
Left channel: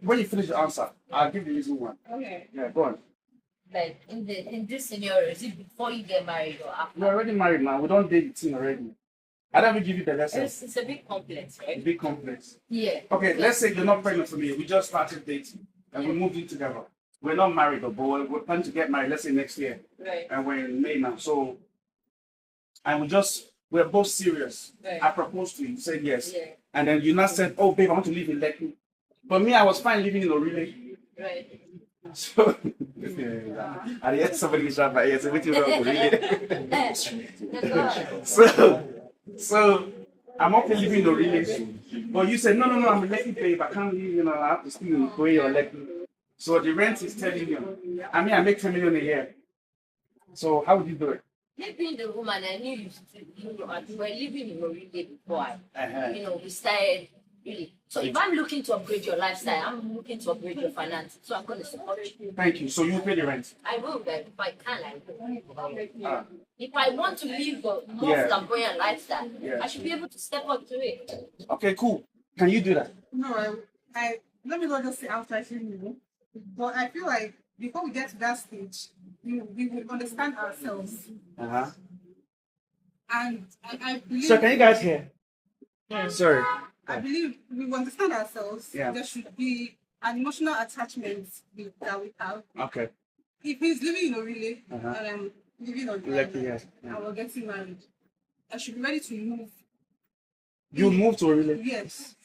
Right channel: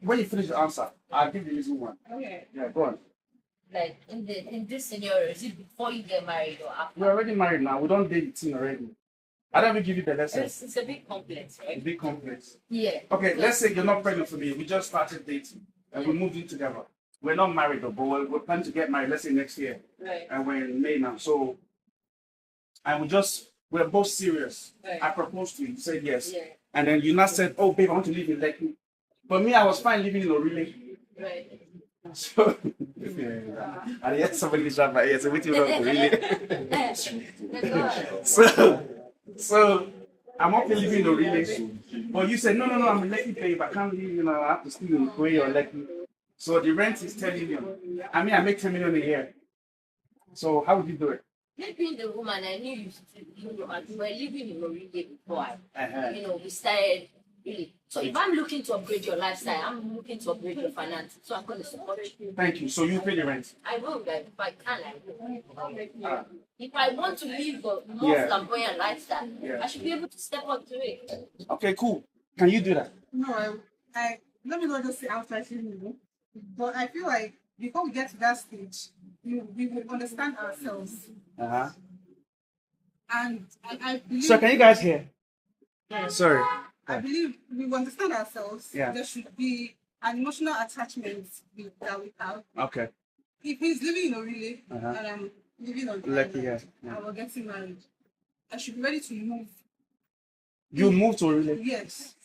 When you finish the answer, I'll give you the reason why. Okay. Yeah, go on. Like in this scenario, is it before you get married or after? You're already married now. We don't date the thing already. I don't even give you the lesson. It's a bit complex, It's a right? bit complex. Yeah. Okay, let's say you're not pregnant for me. We just started dating and we moved in together. We're not married, but we're planning to get married, let's say next year. Right. And we're in May now. So, and we're both serious. Right. I proposed to you, you said yes. Yeah. And then you not said, oh, babe, I want to live in Lekki. But me, I was fine living in Orile. Right. So, and yet somebody's right by here, so what you want So, I'm okay living in Orile. But you said, no, I'm a Lekki babe. I can't live, I have to stay in Korea or Lekki. So the rent is 10 million. I mean, I make 10 million a year. So how would you do it? Me being the woman, I knew you were living in Oride before we started really. So if I'm looking to upgrade your lifestyle, I'm looking to upgrade your finances. So I'm going to support you. Thank you. So you pay the rent? I will, like, if I can, I will. If I want to live a more flamboyant lifestyle, I should be able to step up to it. Okay, cool. Can you do that? No, I let me not just say outside you, but I feel like before we get to that stage, we will understand ourselves. Uh-huh. And I believe. So can you guys hear? Sorry. I believe we will understand ourselves. Yeah. There should be an emotional attachment that we have. Okay. If he's living in Orile and I'm living on Lekki, yes. and we're getting married, I should be ready to move. You move to Orile? Yes.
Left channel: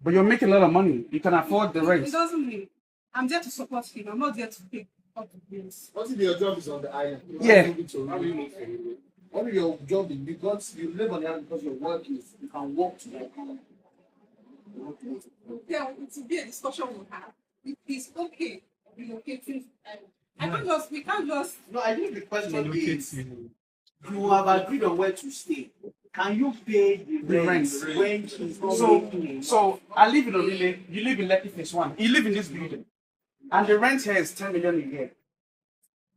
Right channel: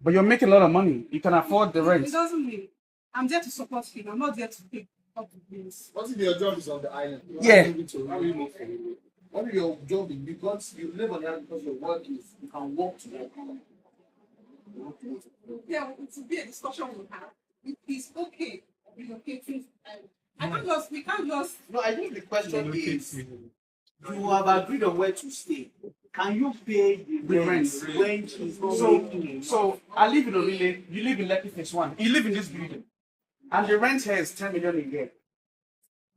But you're making a lot of money. You can afford the rent. It doesn't mean I'm there to support him. I'm not there to pick up the bills. What if your job is on the island? Yeah. How do you move from Orile? What if your job is because you live on the island because your work is you can walk to work? Yeah, it will be a discussion we have. If it's okay relocating We can't just. No, I think the question is, you have agreed on where to stay. Can you pay the rent when he's not making? So I live in Orile, you live in Lekki phase 1. You live in this building. And the rent here is 10 million a year.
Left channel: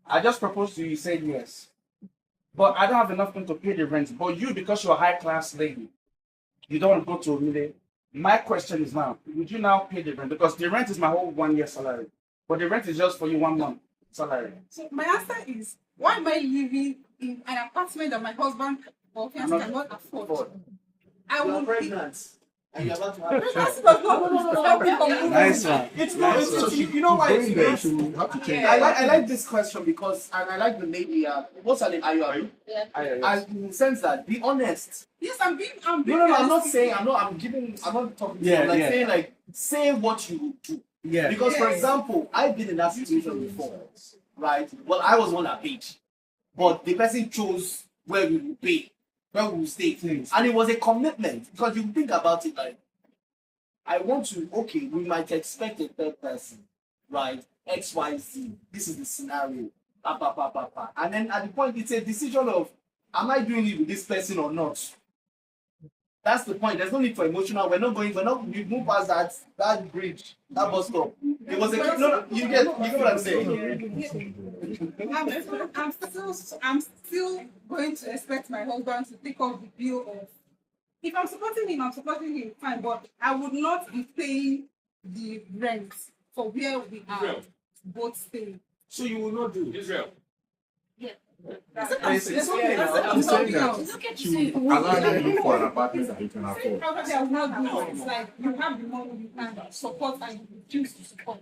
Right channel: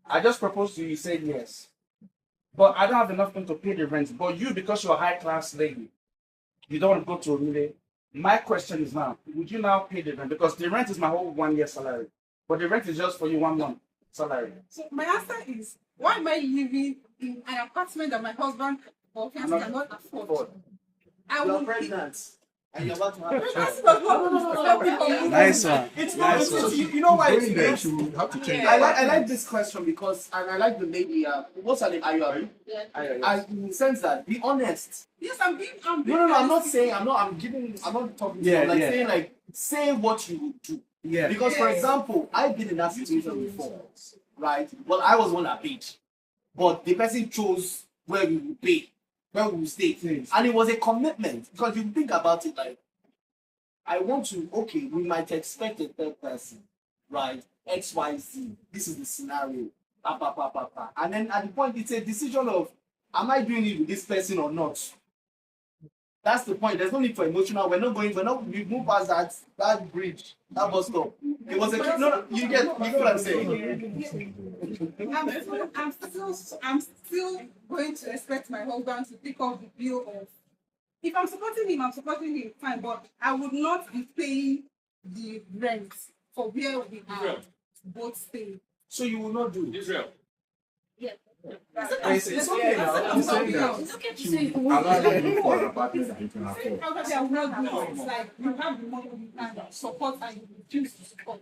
I just proposed to you, you said yes. But I don't have enough money to pay the rent. But you, because you're a high class lady, you don't want to go to Orile. My question is now, would you now pay the rent? Because the rent is my whole 1 year salary. But the rent is just for you 1 month salary. So my answer is, why am I living in an apartment that my husband or fiance cannot afford? I will pregnant. And you're about to have Nice one. It's not. You know why it's There, you have to change. I like this question because I like the lady. What's her name? Ayu. I in the sense that be honest. Yes, I'm being. No. I'm not saying. I'm not talking. Yeah, I'm like yeah. saying like say what you do. Yeah. Because for example, I've been in that situation before, right? Well, I was one that paid, but the person chose where we will pay, where we will stay, and it was a commitment because you think about it like, I want to. Okay, we might expect a third person, right? X, Y, Z. This is the scenario. And then at the point, it's a decision of, am I doing it with this person or not? That's the point. There's no need for emotional. We move past that bridge, that bus stop. It was a you get what I'm saying. I'm still going to expect my husband to take off the bill of. If I'm supporting him, fine. But I would not be paying the rent for where we are both staying. So you will not do Israel. Yeah. Allow them to look for an apartment that you can afford. Probably I will not do it. It's like you have the money, you can support and you refuse to support.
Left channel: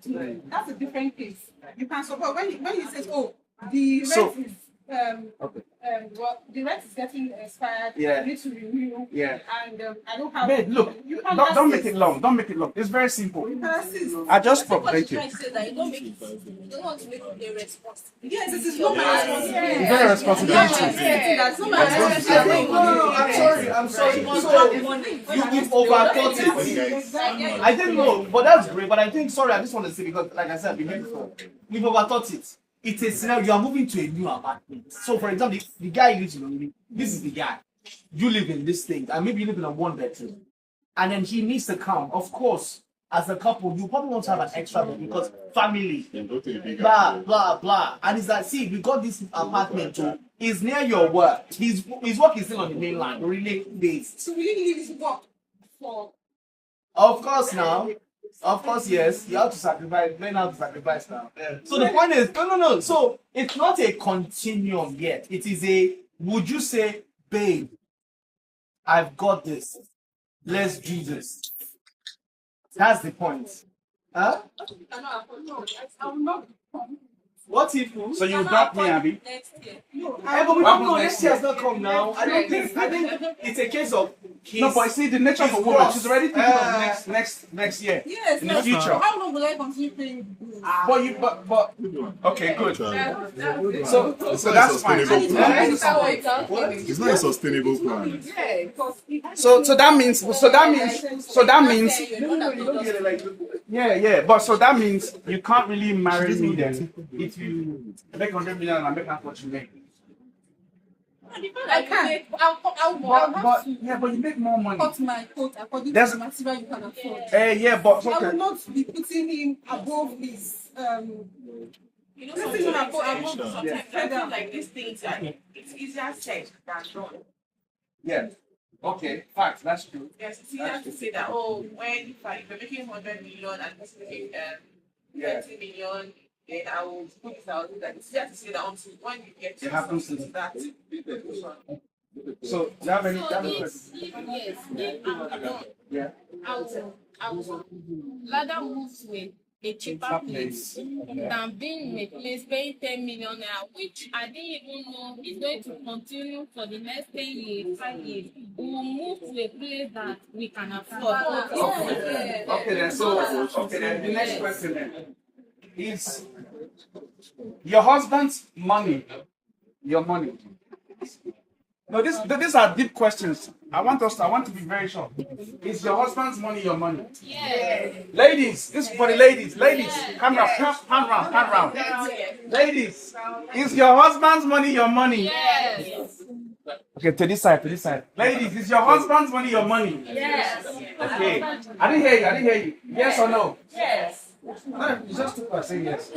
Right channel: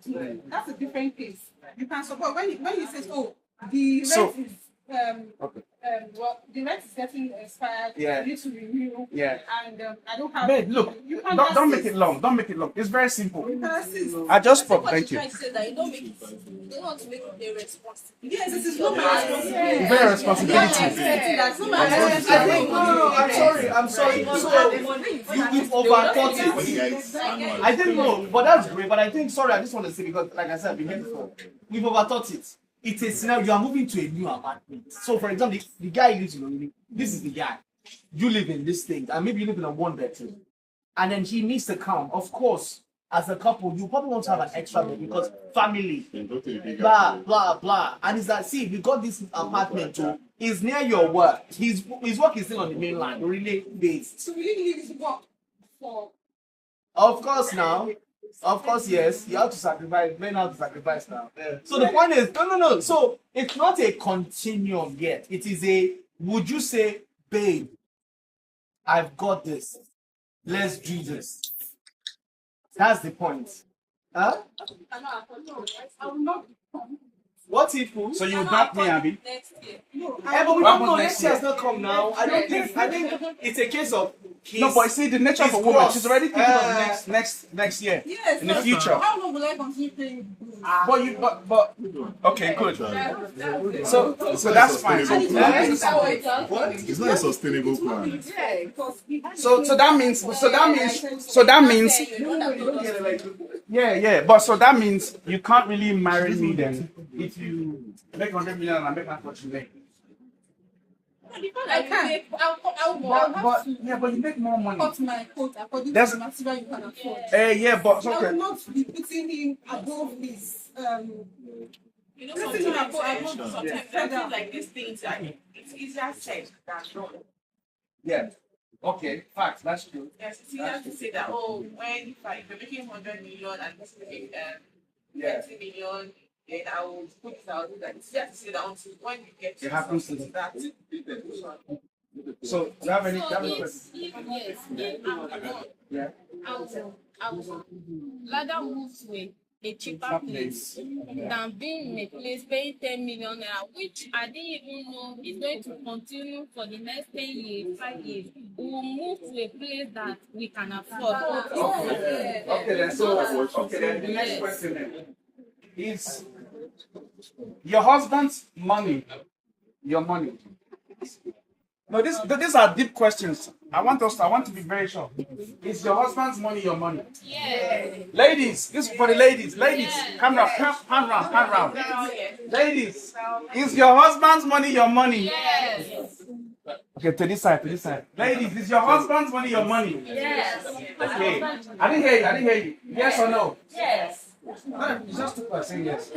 That's a different case. You can support when you say, oh, the rent is the rent is getting expired. Yeah. You need to renew. Yeah. And I don't have. Babe, look, you can don't make it long. Don't make it long. It's very simple. You can assist. I just What thank you you. trying to say that you don't make it. You don't want to make it irresponsible. Yes, it is not my responsibility. Very responsibility. That's not my responsibility. I'm sorry. So you've overthought it. I didn't know, but that's great. But I think, sorry, I just want to say because, like I said, we've overthought it. It's a scenario. You are moving to a new apartment. So, for example, the guy lives in Olili. This is the guy. You live in this thing, and maybe you live in a 1 bedroom, and then he needs to come. Of course, as a couple, you probably want to have an extra bed because family, blah blah blah. And it's like, see, we got this apartment too. It's near your work. His work is still on the mainland, really based. So we need to leave his work for. Of course, now. Of course, yes. You have to sacrifice. Men have to sacrifice now. So the point is, no. So it's not a continuum yet. It is a. Would you say, babe, I've got this. Let's do this. That's the point. Huh? I will not. What if? So you got me, Abby? Next year. No, I don't know. Next year has not come now. I think it's a case of. No, but see, the nature of a woman, she's already thinking of next year. yes, In the future. How long will I continue paying bills? But okay, good. So that's fine. It's not a sustainable plan. So that means yeah. But so that means you can't really marry me then if you make 100 million and I make half what you make. I can. But you make more money. Cut my coat according That's- to the material you can afford. Yeah, but I will okay. not be putting him above his. You know, Putting him sometimes above. I feel like these things, it's easier said than done. Yeah. Okay. Facts. That's true. Yes, it's easier to say that, oh, when if you're making 100 million and this is making 20 million, then I will put this out. That it's easier to say that until when you get It happens to that. So do you have any? Yeah. I will rather move to a cheaper place than being in a place paying 10 million naira, which I didn't even know is going to continue for the next 10 years, 5 years. We will move to a place that we can afford. Okay then. So then the next question then is your husband's money, your money. No, these are deep questions. I want to be very sure. Is your husband's money your money? Yes. Ladies, this is for the ladies. Ladies, come round, pan round. Ladies, is your husband's money your money? Yes. Okay, to this side. Ladies, is your husband's money your money? Yes. Okay. I didn't hear you. Yes or no? Yes. No, you just took saying yes.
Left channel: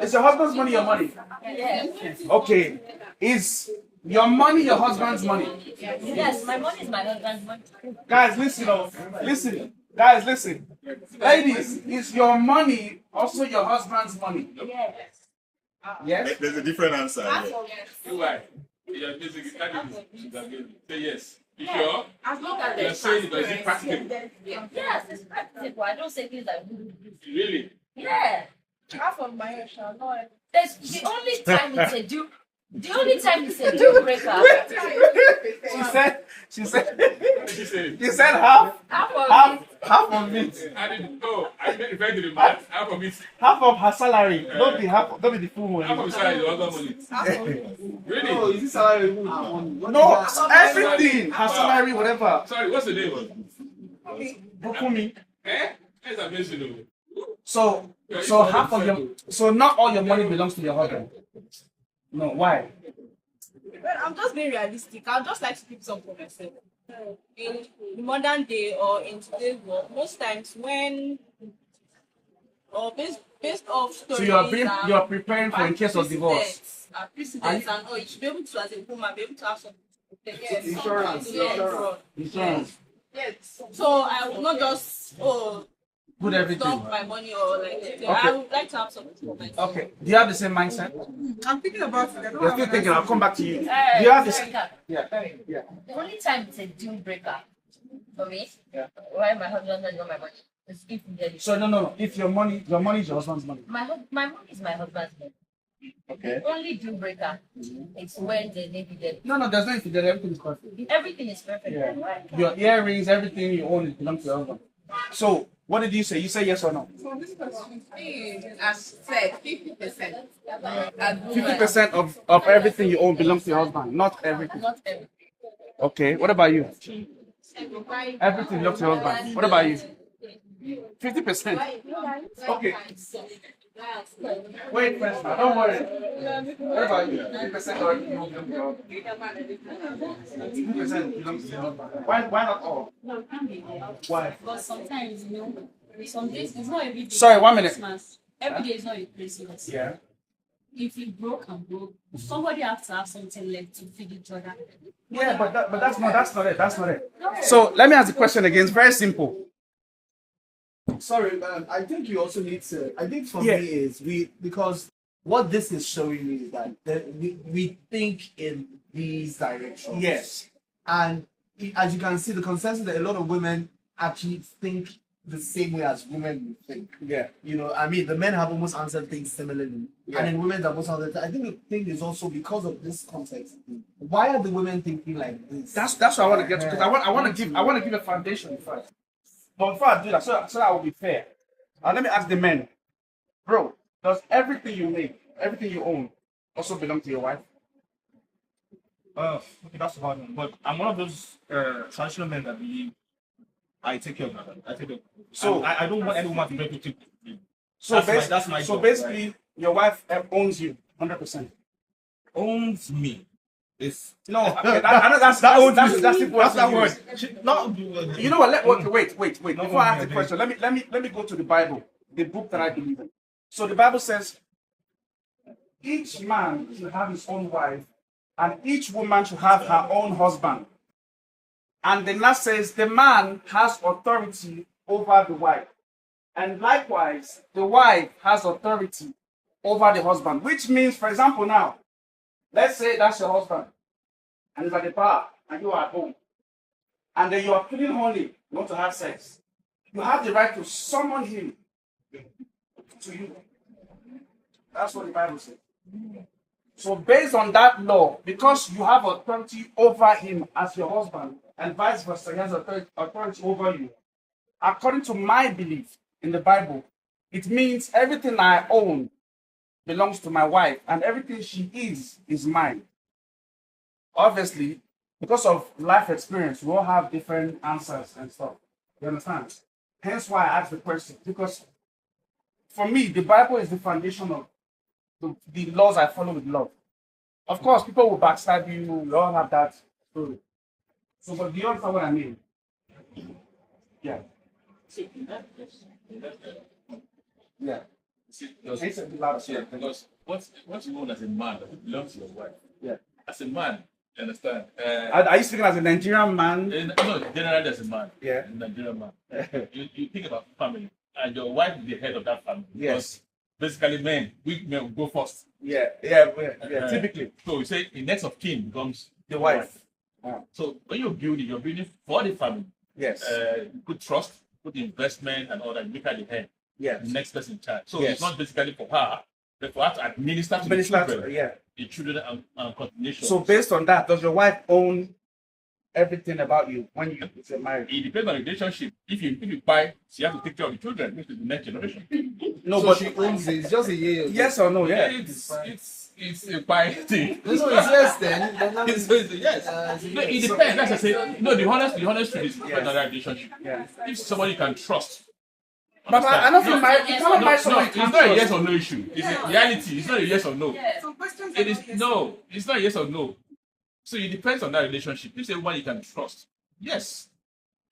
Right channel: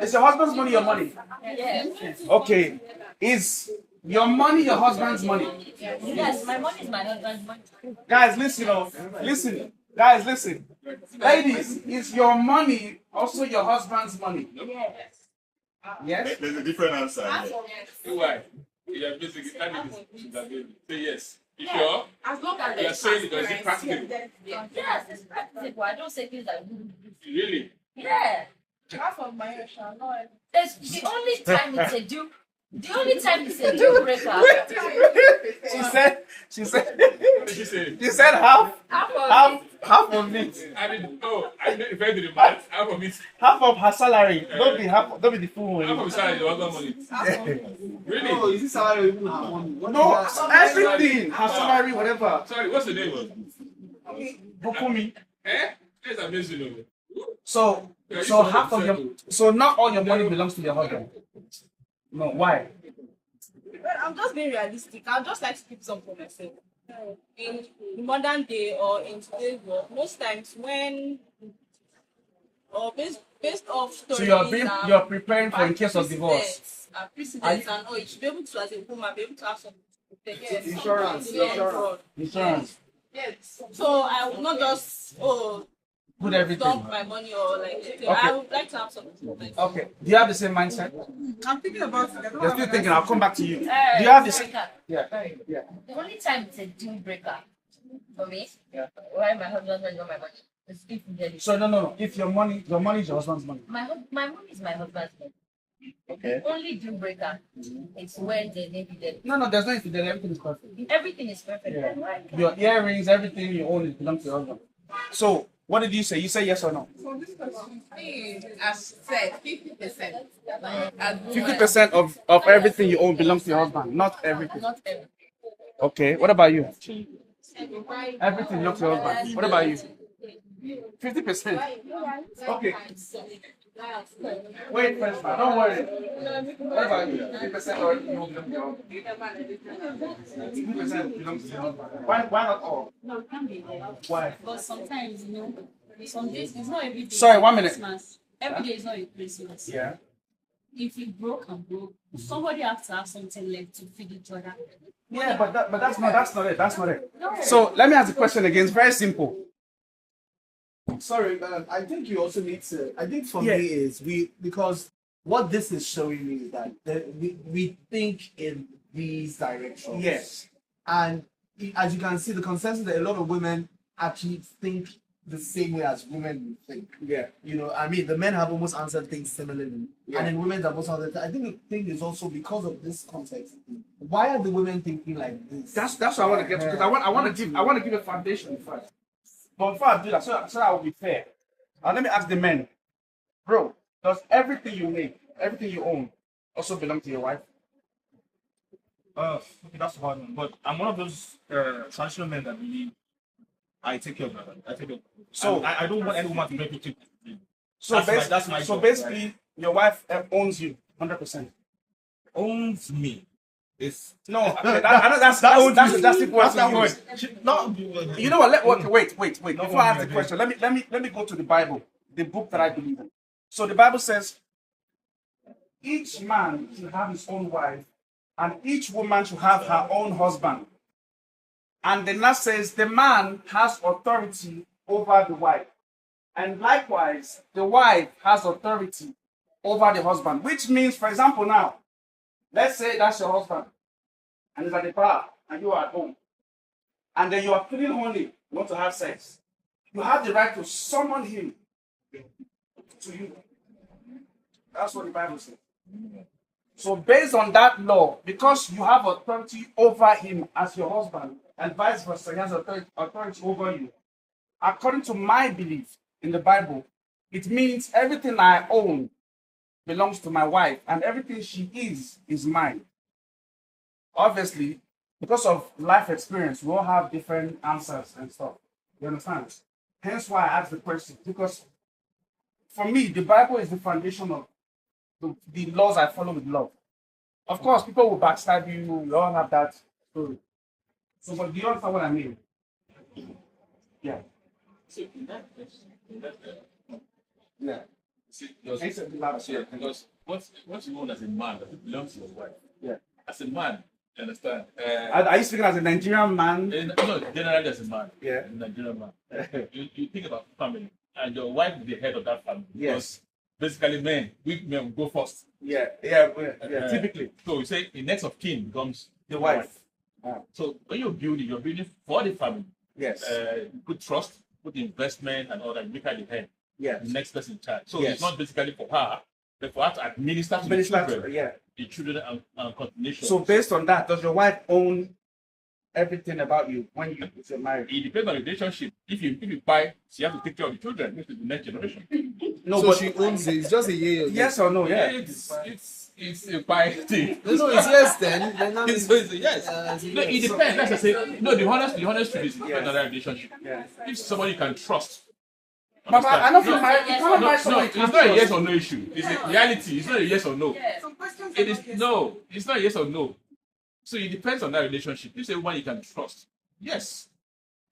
Is your husband's money your money? Yes. Okay. Is your money your husband's money? Yes, my money is my husband's money. Guys, listen. Guys, listen. Ladies, is your money also your husband's money? Yes. Yes? There's a different answer. Why? You're basically say yes. You sure? As long as You're saying it because it's practical. Yes, it's practical. I don't say things I wouldn't do. Really? Yeah. half of my hair shall not. It's the only time it's a deal. The only time it's a deal breaker. She said half of it. I didn't know. I made refer to the math. Half of it. Half of her salary. Don't be the full Half of one. the salary is other money. Really? No, is this salary? No, everything. Her salary, whatever. Sorry, what's the name? Bukumi. Eh? That's amazing. So half of your, so not all your money belongs to your husband. No, why? Well, I'm just being realistic. I'd just like to keep some for myself. In the modern day or in today's world, most times when, or based off stories, you're preparing for in case of divorce. Precedents and all, you should be able to, as a woman, be able to have some protection. Insurance. Yes. So I would not just Put everything. dump my money or like. Okay. I would like to have something for myself. Okay. Do you have the same mindset? I'm thinking about it. I don't You're have still an thinking. answer. I'll come back to you. Do you have this? Yeah. Yeah. The only time it's a deal breaker for me, Yeah. why my husband doesn't know my money, is if we get it. So no. If your money is your husband's money. My money is my husband's money. Okay. The only deal breaker is when the lady get it. No. There's no infidelity. Everything is perfect. Everything is perfect. Yeah. Right? Your earrings, everything you own, it belongs to your husband. So what did you say? You say yes or no? So this question As said, 50%. 50% of everything you own belongs to your husband, not everything. Not everything. Okay. What about you? Everything belongs to your husband. What about you? 50%. Okay. Wait first, man. Don't worry. What about you? 50% or everything belongs to your husband? 50% belongs to your husband. Why not all? No, it can't be there. Why? But sometimes, some days it's not every day. Sorry, 1 minute. Christmas. Every day is not a Christmas. Yeah. If you broke, somebody has to have something left to feed each other. Yeah, but that's not it. That's not it. No. So let me ask the question again. It's very simple. Sorry, I think you also need to. I think for Yeah. me is because what this is showing me is that we think in these directions. Yes. And as you can see, the consensus that a lot of women actually think the same way as women would think. Yeah. I mean, the men have almost answered things similarly, Yeah. and then women have also answered. I think the thing is also because of this context. Why are the women thinking like this? That's what I want to get to, because I want to give a foundation first. But before I do that, so that I will be fair, let me ask the men, bro, does everything you make, everything you own, also belong to your wife? Okay, that's a hard one. But I'm one of those traditional men that believe I take care of my wife. I take care of her. So- I don't want any woman to make me take me. So That's my so job, basically, your wife owns you 100%. owns me. It's No, I know that's that owns you. That's the word. that's that to word. use. Not You know what? Wait. No, Before I ask the okay. question, let me go to the Bible, the book that I believe in. So the Bible says, each man should have his own wife, and each woman should have her own husband. And then that says the man has authority over the wife, and likewise the wife has authority over the husband. Which means, for example, now, let's say that's your husband, and he's at the bar, and you are at home, and then you are feeling horny, you want to have sex. You have the right to summon him to you. That's what the Bible says. So based on that law, because you have authority over him as your husband, and vice versa, he has authority over you, according to my belief in the Bible, it means everything I own belongs to my wife, and everything she is mine. Obviously, because of life experience, we all have different answers and stuff. You understand? Hence why I asked the question. Because for me, the Bible is the foundation of the laws I follow with love. Of course, people will backstab you. We all have that story. So, but do you understand what I mean? Yeah. See, Yeah. because what you want as a man belongs to your wife. Yeah. As a man, you understand? Are you speaking as a Nigerian man? No, generally as a man. Yeah. A Nigerian man. you think about family, and your wife is the head of that family. Yes. Because basically, weak men will go first. Yeah. Typically. So you say the next of kin becomes The wife. So when you're building for the family. Yes. Put trust, put investment, and all that. Make her the head. Yes. The next person in charge. So Yes. it's not basically for her, but for her to administer to the children. Yeah. The children and continuation. So based on that, does your wife own everything about you when you're married? It depends on the relationship. If you buy, she has to take care of the children, which is the next generation. No, so but she owns it. It's just a year. Yes or no? Yeah. It's a buy thing. So it's yes then. It's a yes. No, it depends. Like I say, no, the honest truth is another relationship. Yeah. If somebody you can trust. But I don't think you cannot buy someone you It's can't not a trust. yes or no issue. It's a reality. It's not a yes or no. It is no. It's not a yes or no. So it depends on that relationship. If it's a woman you can trust, yes.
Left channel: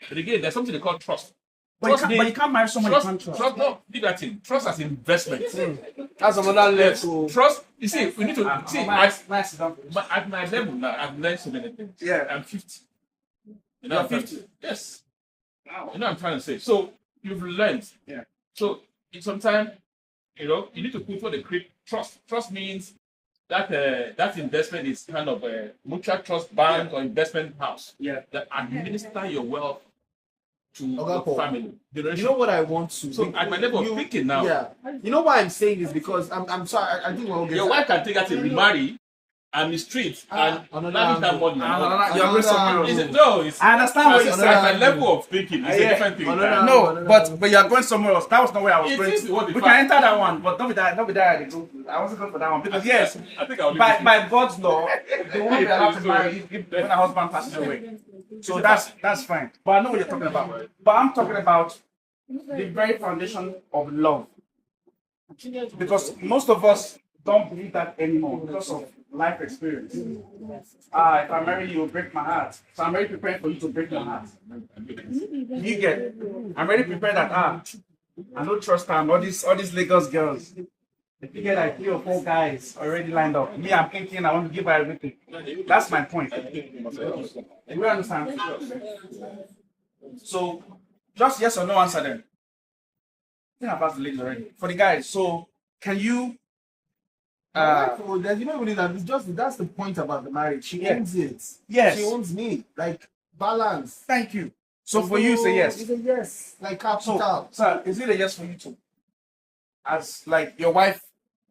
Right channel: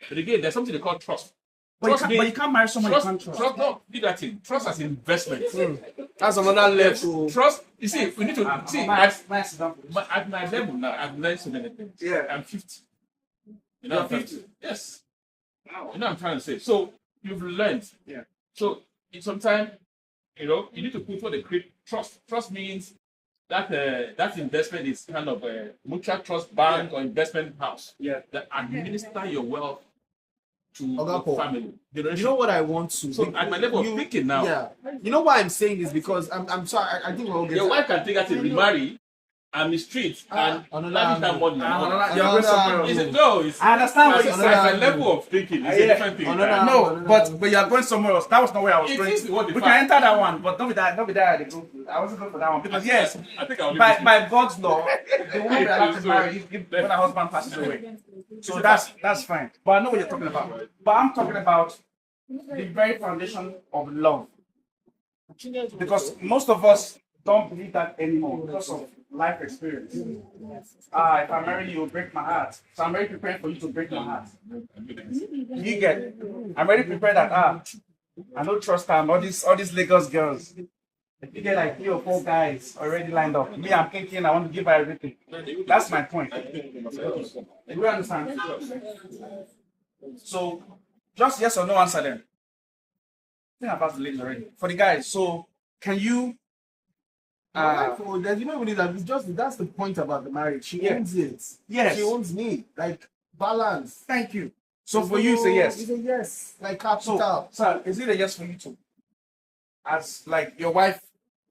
But again, there's something they call trust. But you can't marry someone you can't trust. Trust, no, leave that thing. Trust as investment. That's another Yes. level. Trust. You see, we need to see. At my level now, I've learned so many things. Yeah. I'm 50. You know, I'm 50. Yes. You know what I'm trying to say. So you've learned. Yeah. So sometimes, you need to put what they create trust. Trust means that that investment is kind of a mutual trust bank or investment house that administer your wealth to your family. You know what I want to? So at my level of thinking now, yeah. You know what I'm saying is because I'm sorry. I think we're all getting. your wife can take her to remarry and the street and manage that money. I understand what you're saying. At my level of thinking, it's a different thing. No, but you're going somewhere else. That was not where I was going. We can enter that one, but don't be that. I wasn't going for that one because yes, I think I'll by God's law, they won't be allowed to marry when a husband passes away. So that's fine. But I know what you're talking about. But I'm talking about the very foundation of love, because most of us don't believe that anymore because of life experience. If I marry you, you'll break my heart. So I'm already prepared for you to break my heart. You get it? I'm already prepared that I don't trust her and all these Lagos girls. If you get like 3 or 4 guys already lined up, me, I'm thinking I want to give her everything. That's my point. You understand? So just yes or no answer then. I think I've asked the ladies already. For the guys, so can you there's even that. It's just that's the point about the marriage. She owns it. Yes. She owns me. Like balance. Thank you. So for you, it's a yes. It's a yes. Like capital. So is it a yes for you too? As like your wife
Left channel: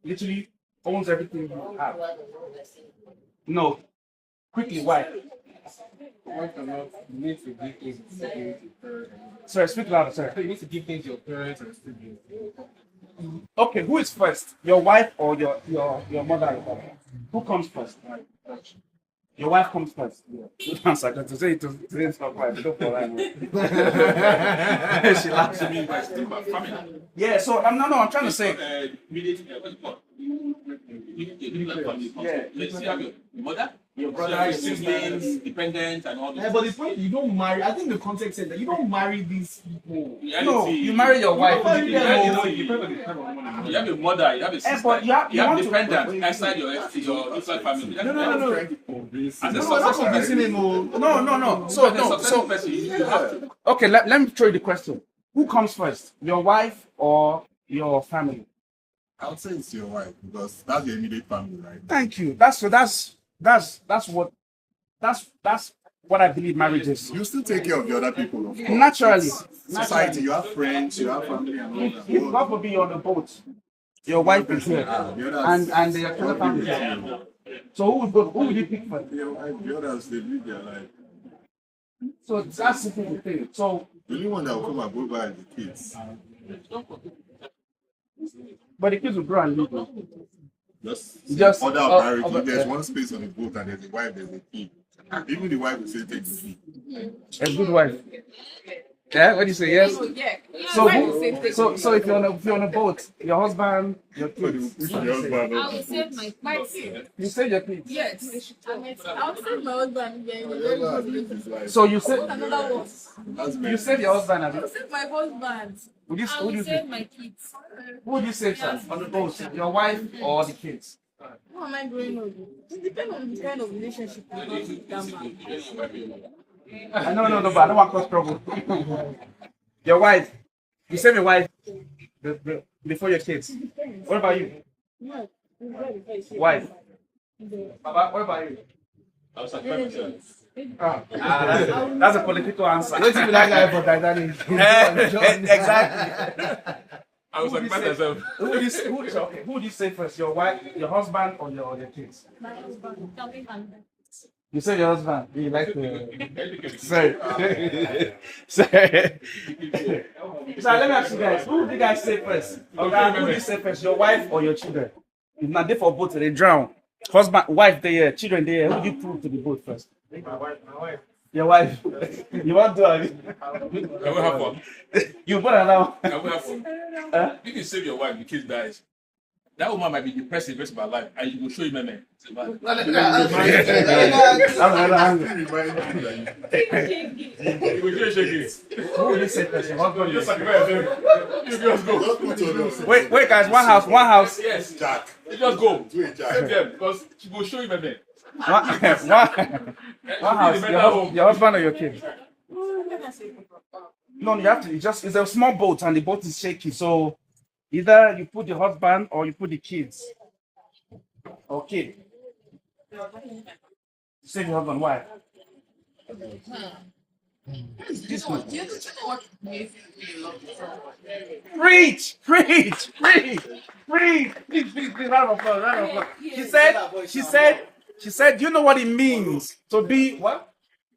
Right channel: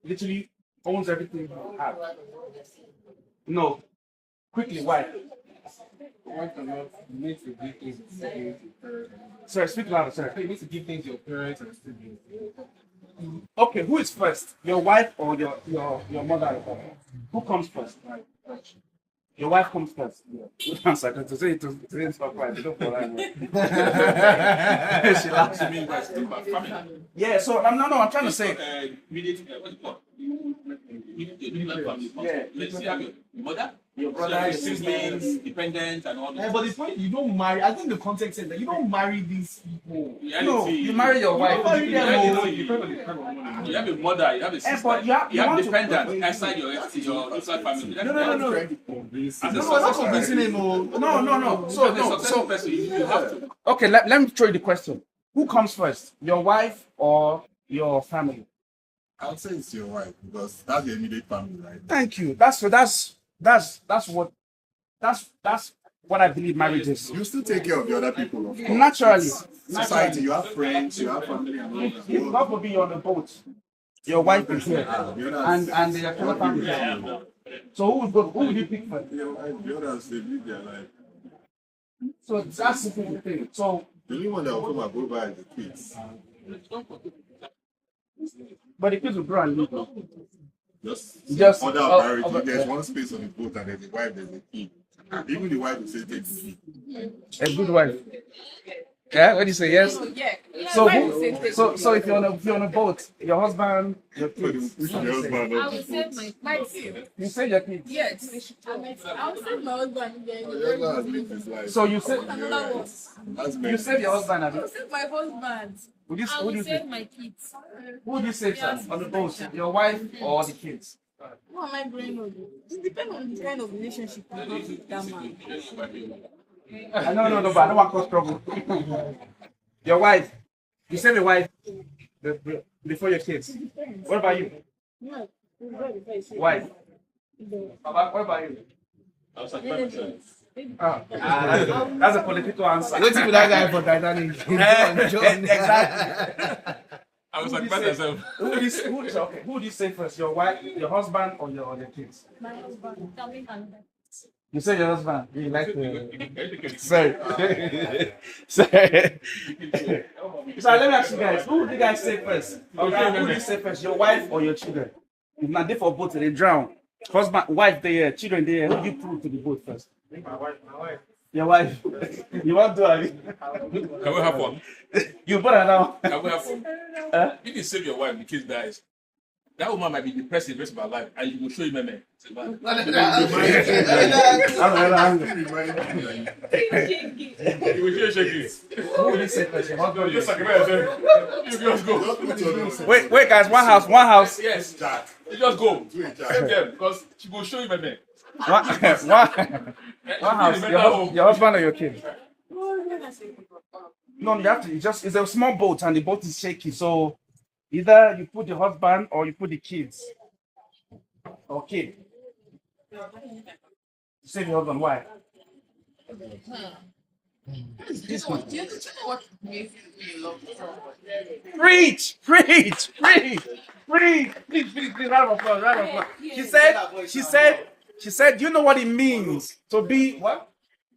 literally owns everything you have. No. Quickly, why? You need to give things to your parents. Sorry, speak louder, sir. You need to give things to your parents and siblings. Okay, who is first? Your wife or your mother or father? Who comes first? Your wife comes first. Yeah. Good answer. Because to say it didn't stop right. Don't fall right. She laughs at me. Yeah, so I'm trying to say. Let's see, have your mother, your brother, your siblings, dependents, and all those. But the point you don't marry. I think the context says that you don't marry these people. No, you marry your wife. You have a mother, you have a sister, you have dependents outside your inside family. No. That's convincing him. No. So person, you have to. Okay, let me throw you the question. Who comes first? Your wife or your family? I would say it's your wife because that's your immediate family, right? Thank you. That's what I believe marriage is. You still take care of the other people, of course. Naturally. Society, you have friends, you have family, and all that. If God forbid you're on the boat, your wife is here, and the other family is here. So who would you pick first? The others, they live their life. So that's the thing. So The only one that will come and go by is the kids. but the kids will grow and leave. Just order of marriage. If there's yeah. one space on the boat and there's a wife, there's a kid. Even the wife will say take A good wife. Yeah, what do you say? Yes. Yeah. So, so if you're on a boat, your husband, your kids. If your husband I will save my kids. You save your kids. Yes. I will save my husband. Then So you save another one. you save your husband. I will save my husband. Would you I who do will you save save? my kids. Who would you save, sir? On the boat, your wife or the kids? Who am I going on? It depends on the kind of relationship you have with that man. No, but I don't want to cause trouble. Your wife. You save your wife before your kids. What about you? Yeah. Wife. Baba, what about you? I was like, myself. That's a political answer. Let's see that guy for Titanic. Exactly. I was like, myself. Who would you say first? Your wife, your husband, or your kids? My husband. Coming on that. You say your husband. You like the sorry. Sorry. So let me ask you guys. Who would you guys say first? Okay, who would you say first? Your wife or your children? If not, they for both, they drown. Husband, wife, there, children, there. Who do you prove to be both first? My wife. Your wife. You want to? Can we have fun? You put her now. Can we have fun? If you save your wife, the kid dies. That woman might be depressed the rest of her life, and you will show him a man. I'm angry. You will shake it. Who will you say first? Your husband or your Just sacrifice yourself. You just go. Wait, guys, one house. Yes, Jack. You just go. Save them because she will show him a man. One house. Your husband or your kid? No, you have to. It's a small boat, and the boat is shaky. So either you put the husband or you put the kids. Okay. Say your husband. Why? This one. What makes you love someone? Preach. Please, round of applause. She said, you know what it means to be what?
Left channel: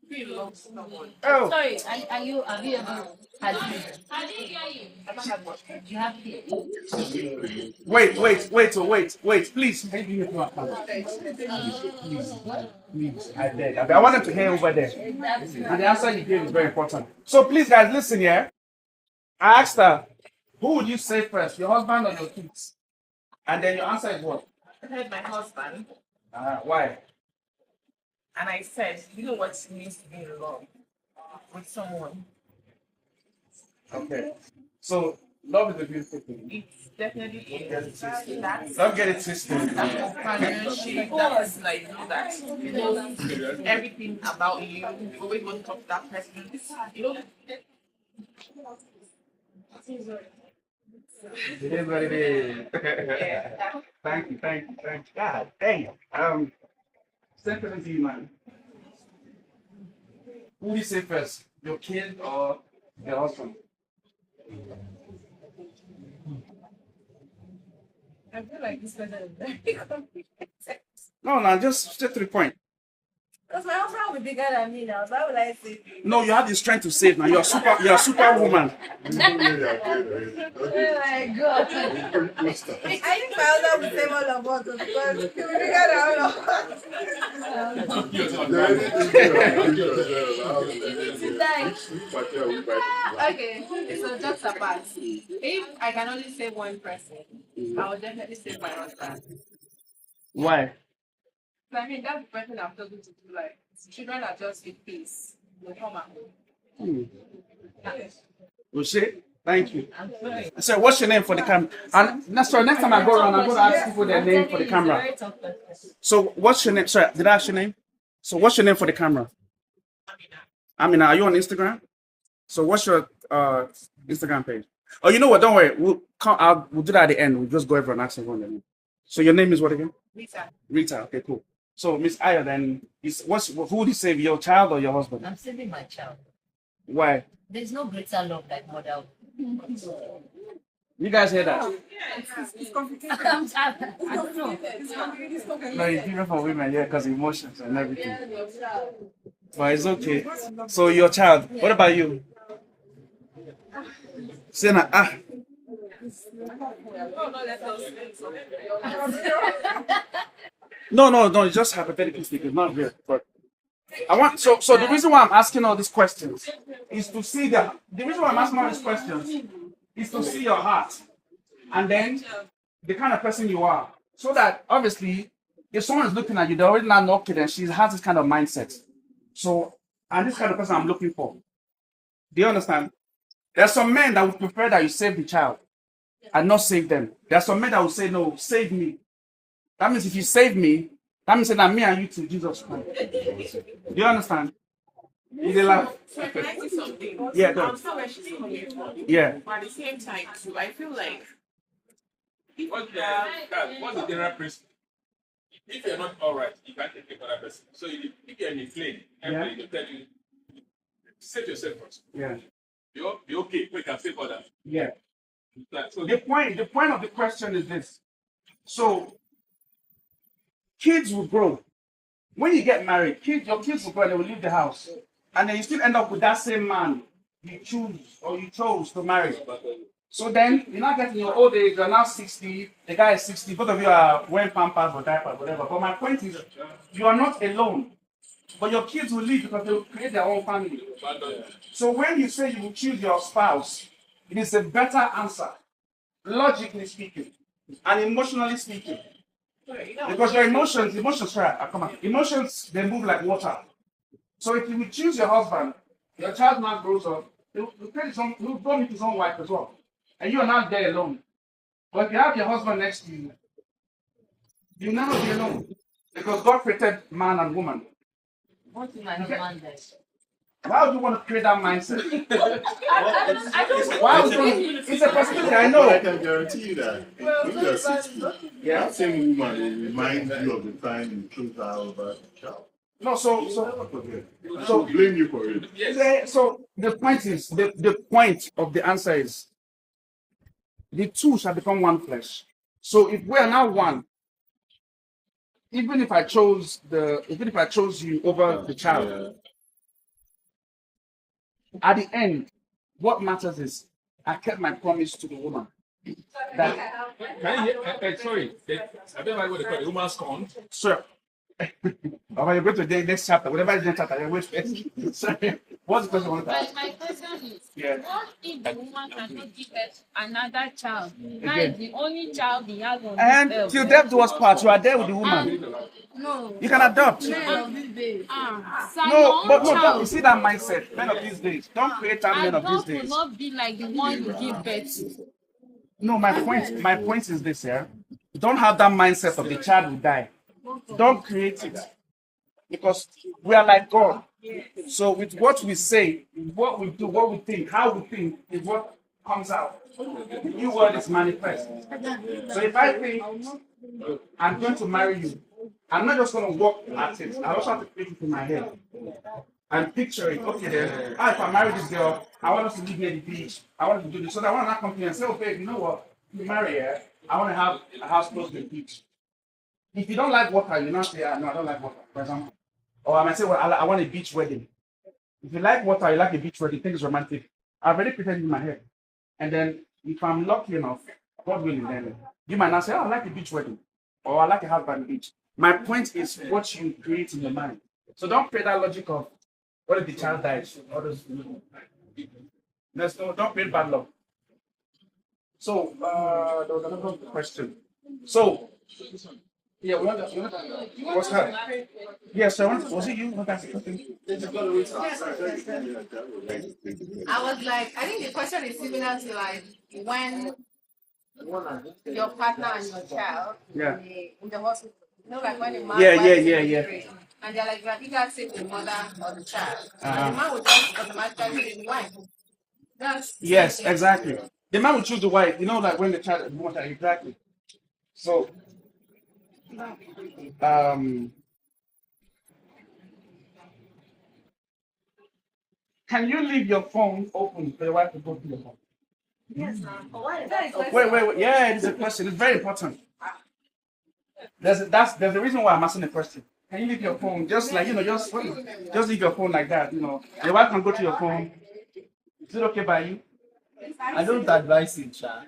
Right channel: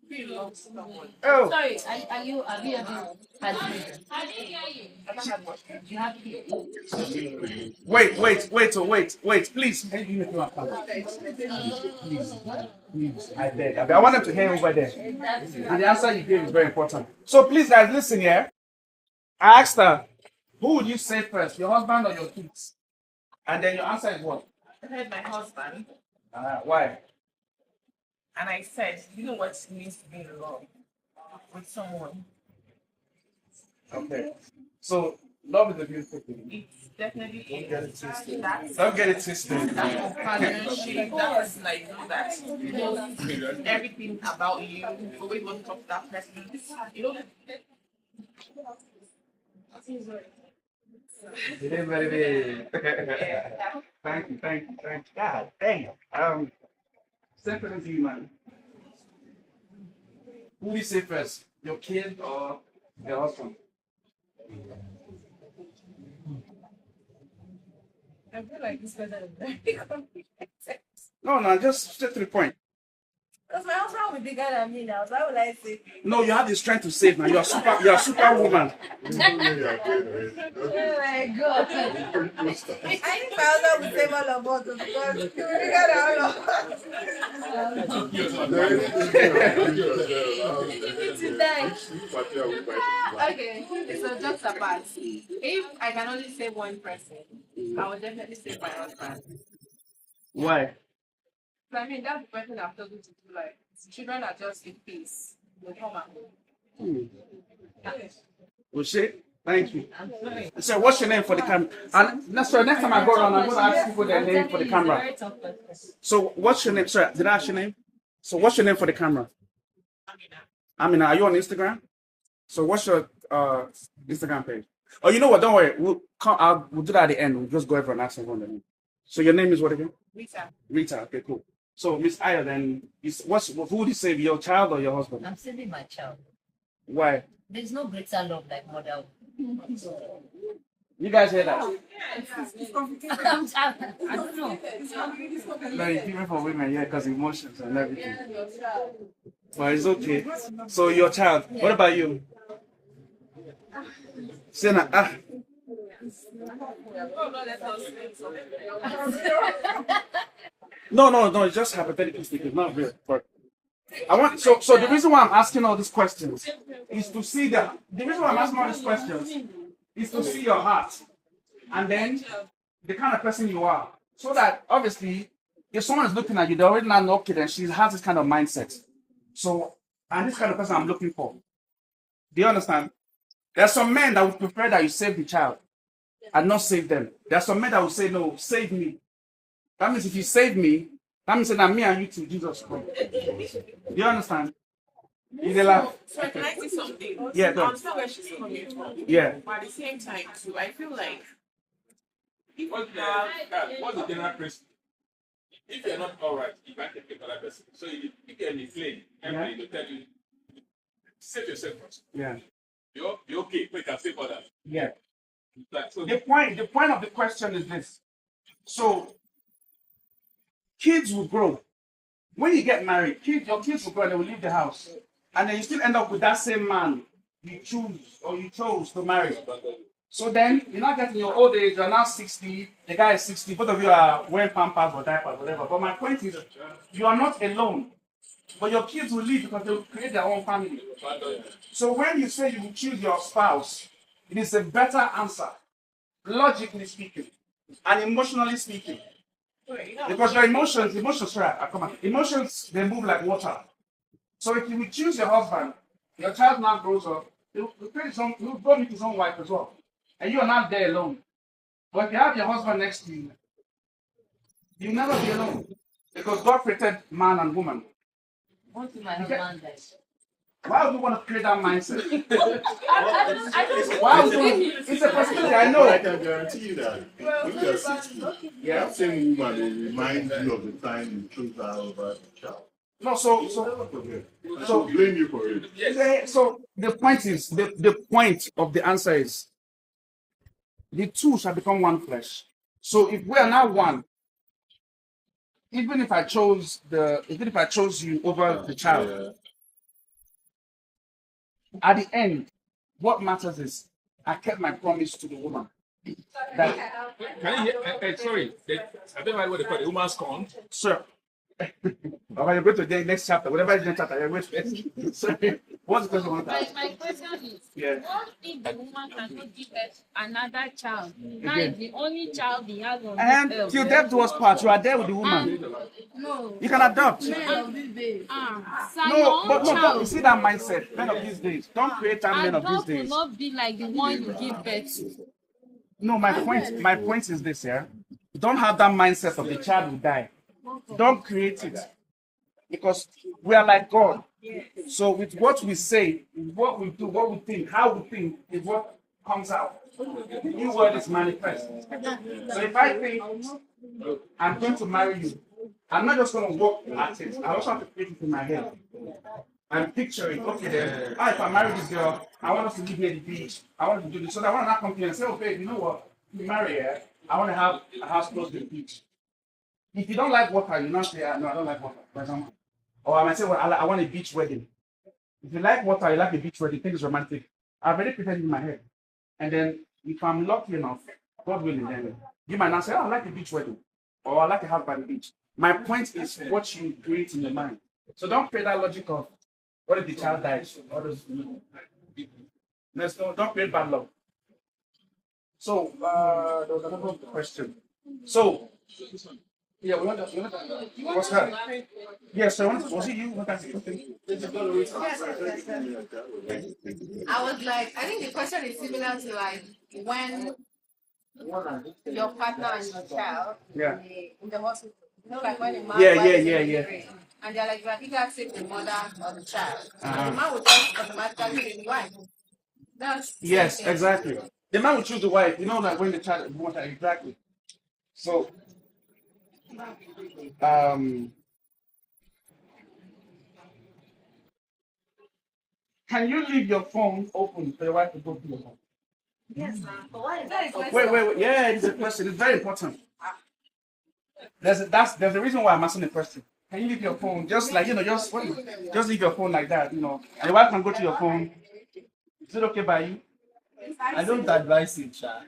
You love someone. Oh. Sorry, are you had I didn't hear you. you have kids? Wait, please. Please, I beg. I want them to hear over there. And the answer you gave is very important. So please, guys, listen here. I asked her, who would you say first, your husband or your kids? And then your answer is what? I heard my husband, Why? and I said, you know what it means to be in love with someone? Okay. So love is a beautiful thing. It's definitely is. Don't get it twisted. That companionship, that person that you know that knows everything about you, you always want to talk to that person. You know, Thank you. God damn. Simple to you, man. Who do you say first? Your kid or your husband? I feel like this person is very complicated. No, just straight to the point. Because my husband will be bigger than me now. Why would I say? No, you have the strength to save now. You're a superwoman. Oh my God. I think my husband will save all of us because he will be bigger than all of us. Okay, so just apart. If I can only save one person, I will definitely save my husband. Why? So, I mean, that's the person I'm talking to. Like, children are just in peace. Will come and go. Ushe, thank you. So, what's your name for the camera? And next time I go around, I'm going to ask people their name for the camera. So, what's your name? Sorry, did I ask your name? So, what's your name for the camera? Amina, are you on Instagram? So, what's your Instagram page? Oh, you know what? Don't worry. We'll do that at the end. We'll just go over and ask everyone their name. So, your name is what again? Rita. Okay, cool. So, Miss Aya, then, who would you save, your child or your husband? I'm saving my child. Why? There's no greater love like mother. You guys hear that? It's complicated. I don't know. No, it's different for women, yeah, because emotions and everything. But it's okay. So, your child, what about you? Sena, No, it's just hypothetically speaking, not real. But So the reason why I'm asking all these questions is to see the reason why I'm asking all these questions is to see your heart and then the kind of person you are. So that obviously if someone is looking at you, they already know, okay, then she has this kind of mindset. So, and this kind of person I'm looking for. Do you understand? There are some men that would prefer that you save the child and not save them. There are some men that would say, no, save me. That means if you save me, that means that me and you to Jesus Christ. Do you understand? Is it like, So can I say something? Yeah, go I on. understand where she's coming from. Yeah. But at the same time, too, I feel like if What's you have the general principle? If you're not all right, you can't take another person. So if you're in a flame, and they tell you, save yourself first. Yeah. You're okay, so you can save others. Yeah. So The point of the question is this. So kids will grow. When you get married, your kids will grow and they will leave the house. And then you still end up with that same man you chose to marry. So then you're not getting your old age, you're now 60, the guy is 60, both of you are wearing pampers or diapers, whatever. But my point is, you are not alone. But your kids will leave because they will create their own family. So when you say you will choose your spouse, it is a better answer, logically speaking, and emotionally speaking. Because your emotions, emotions, they move like water. So if you will choose your husband, your child now grows up, he'll go meet his own wife as well. And you are not there alone. But if you have your husband next to you, you'll never be alone. Because God created man and woman. What if my husband dies? Why would you want to create that mindset? I don't Why would you? It's a possibility, I know. I can guarantee you that when you're 60, that same woman will remind you of the time you chose her over the child. No, so blame you for it. So the point is, the point of the answer is, the two shall become one flesh. So if we are now one, even if I chose you over the child, at the end, what matters is I kept my promise to the woman. That, can you hear? Sorry, I don't know what they call it. Woman's corn. sir. Or when you go to the next chapter, whatever is the next chapter, wait first. Sorry. What's the question? My question is, what if the woman cannot give birth another child? Now is the only child he has on And this till earth. death do us part, you are there with the woman. No. You can adopt. Men of these days. No, but no, don't you see that mindset. Men of these days. Don't create that men of these Adopt will days. not be like the one you give birth to. No, my point is this, yeah. Don't have that mindset of the child will die. Don't create it. Because we are like God. So with what we say, what we do, what we think, how we think is what comes out. The new word is manifest. So if I think I'm going to marry you, I'm not just going to walk at it. I also have to create it in my head and picture it. Okay, then, if I marry this girl, I want us to live near the beach. I want to do this. So that I want to not come here and say, oh, babe, you know what? You marry her, I want to have a house close to the beach. If you don't like water, you not say, no, I don't like water, for example. Or I might say, well, I want a beach wedding. If you like water, you like a beach wedding, think it's romantic. I've already prepared it in my head. And then if I'm lucky enough, God willing, then you might not say, oh, I like a beach wedding. Or I like a house by the beach. My point is what you create in your mind. So don't create that logic of what if the child dies? Don't create bad luck. So there was another question. So yeah, what's that? Yes, sir. Was it you? I was like, I think the question is similar to like when your partner and your child in the hospital. You know, like when the man and they're like, you are either save the mother or the child. And the man would just automatically say the wife. Yes, exactly. The man will choose the wife. You know, like when the child is born, exactly. So can you leave your phone open for your wife to go to your phone? Yes, ma'am. Wait. Yeah, it's a question. It's very important. There's a reason why I'm asking the question. Can you leave your phone just like just leave your phone like that, and your wife can go to your phone. Is it okay by you? I don't advise it, Cha.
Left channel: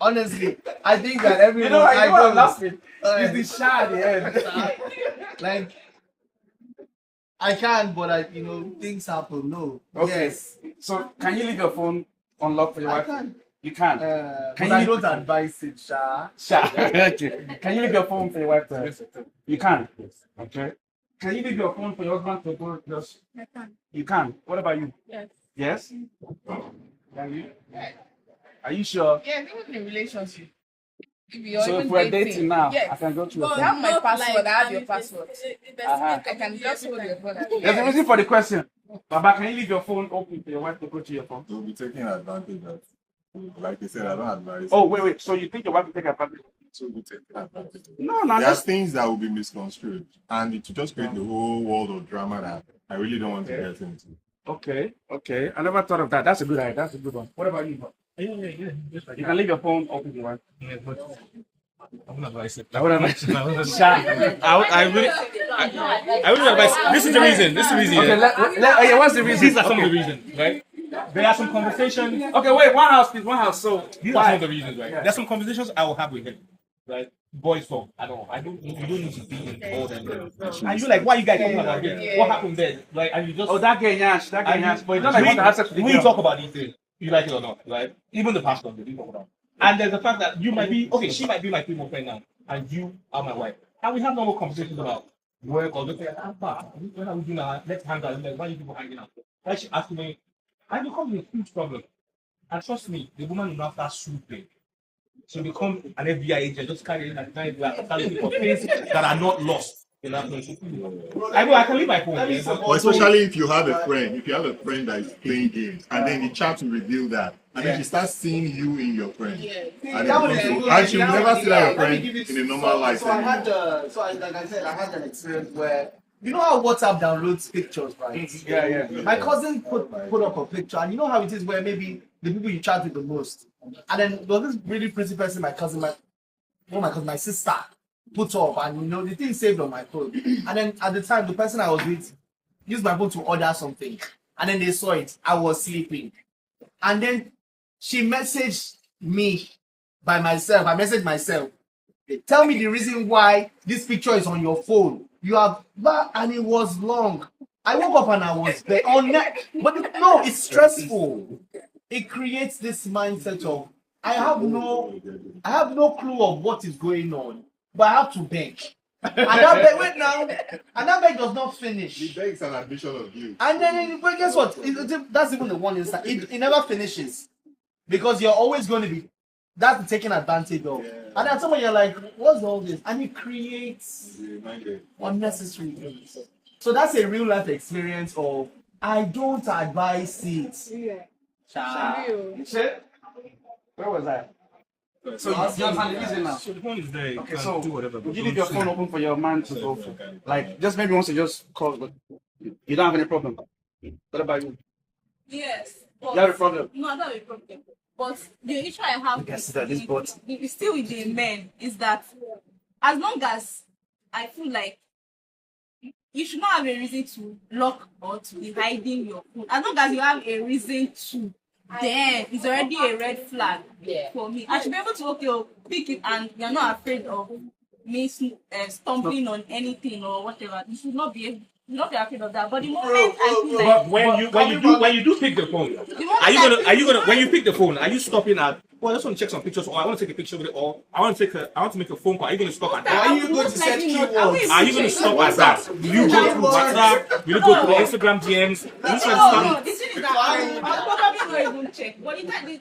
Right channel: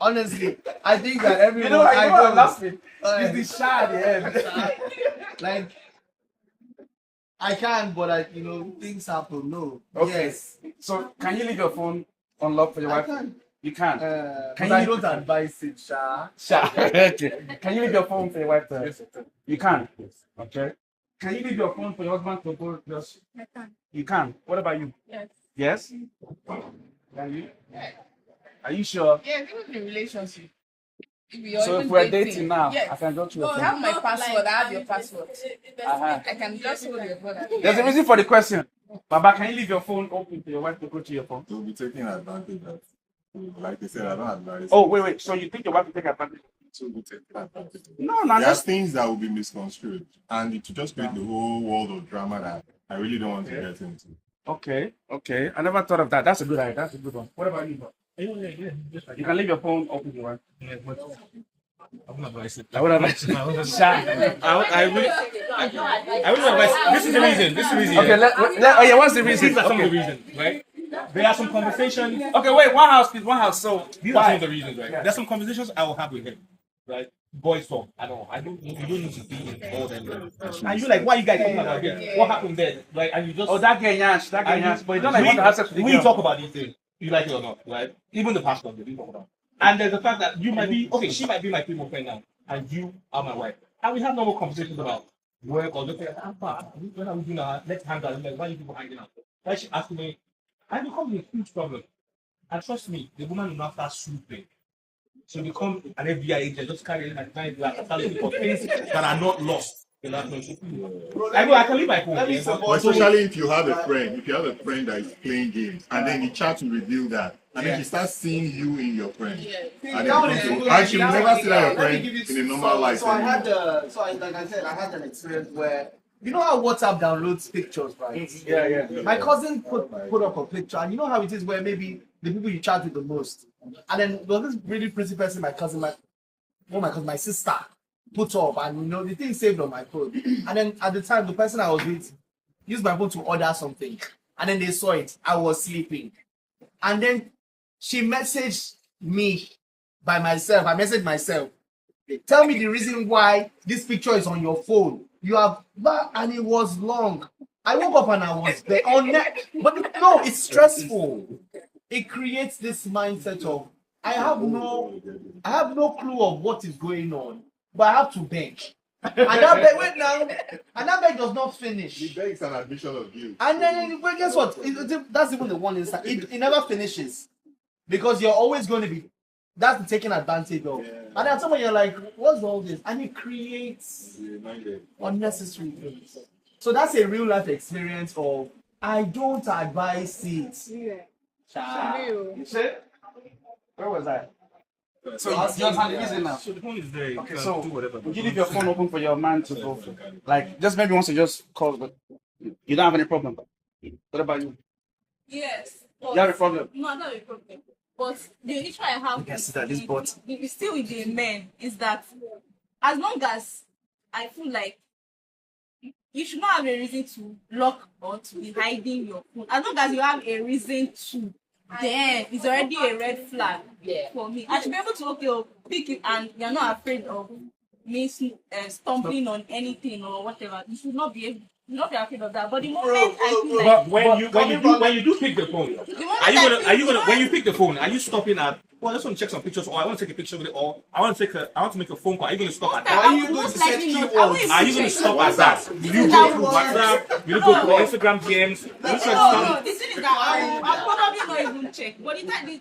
Honestly, I think that everyone I know I'm laughing. It's the shy at the end. Like I can, but things happen. No. Okay. Yes. So can you leave your phone unlocked for your I wife? can. You can. But I don't advise it, Sha. Okay. Can you leave your phone for your wife to? You can. Okay. Can you leave your phone for your husband to go just? I can. You can. What about you? Yes. Yes? Can you? Are you sure? Yeah, even in relationship. If you're So if even we're dating now, yes. I can go to your You phone. have my Not password, like I have your password. Uh-huh. I can just hold your phone. There's a reason for the question. Baba, can you leave your phone open for your wife to go to your phone? They'll be taking advantage of. Like they said, I don't advise. Oh, wait. So you think your wife will take advantage? To be taking advantage. No, There are that's things that will be misconstrued, and it will just create the whole world of drama that I really don't want to get into. okay. I never thought of that. That's a good idea. That's a good one. What about you? You can leave your phone open if you want. I wouldn't advise it. I would advise. I wouldn't advise. This is the reason. Okay, yeah, what's the reason? These are some of the reasons, right? There are some conversations. Okay, wait, one house, please, one house. So These are some of the reasons, right? There's some conversations I will have with him, right? Boys talk. I don't. You don't need to be in all them. And you like, why you guys talking about this? What happened there, right? And you just that guy Yash, but you don't we, like want to have sex with the we girl. talk about these things. You like it or not, right? Even the pastor, we talk about. And there's the fact that you might be okay. She might be my female friend now, and you are my wife, and we have normal conversations about work or just like, when are we doing our let's hang out? Like, why are you people hanging out? Like she asked me, I become a huge problem. And trust me, the woman will not start swooping. So become an FBI agent, just carrying like looking for things that are not lost in that place. I can leave my phone. Especially if you have a friend, that is playing games, and then the chat will reveal that, and then she starts seeing you in your friend, and she will never see that your friend in a normal life. So like I said, I had an experience where you know how WhatsApp downloads pictures, right? Yeah. My cousin put up a picture, and you know how it is where maybe the people you chat with the most, and then there was this really pretty person, my sister put up, and the thing saved on my phone. And then at the time, the person I was with used my phone to order something, and then they saw it. I was sleeping, and then she messaged me by myself. I messaged myself. Tell me the reason why this picture is on your phone. You have that, and it was long. I woke up and I was there on that. But no, it's stressful. It creates this mindset of I have no clue of what is going on, but I have to beg. And that beg does not finish. The beg is an admission of guilt. And then, but guess what? That's even the one inside. It never finishes because you're always going to be that's taken advantage of. Yeah. And then someone you're like, what's all this? And it creates unnecessary things. So that's a real life experience of I don't advise it. Yeah. Where was I? So the reason now. So the phone is there. Okay, so do whatever. would you leave your phone open for your man to go for? Like just maybe once you just call, but you don't have any problem. What about you? Yes. You have a problem? No, I don't have a problem. But the issue I have with still with the men is that as long as I feel like you should not have a reason to lock or to be hiding your phone. As long as you have a reason to, then it's already a red flag for me. I should be able to pick it and you're not afraid of me stumbling on anything or whatever. You should not be afraid of that. But the moment I feel like when you do pick the phone, are you gonna when you pick the phone, are you stopping at I just want to check some pictures, or I want to take a picture with it, or I want to make a phone call. Are you gonna stop at that? Are you going to set keywords? Are you gonna stop at that? You go through WhatsApp, you go through Instagram DMs. no, the thing is that I'll probably not even check. But the time is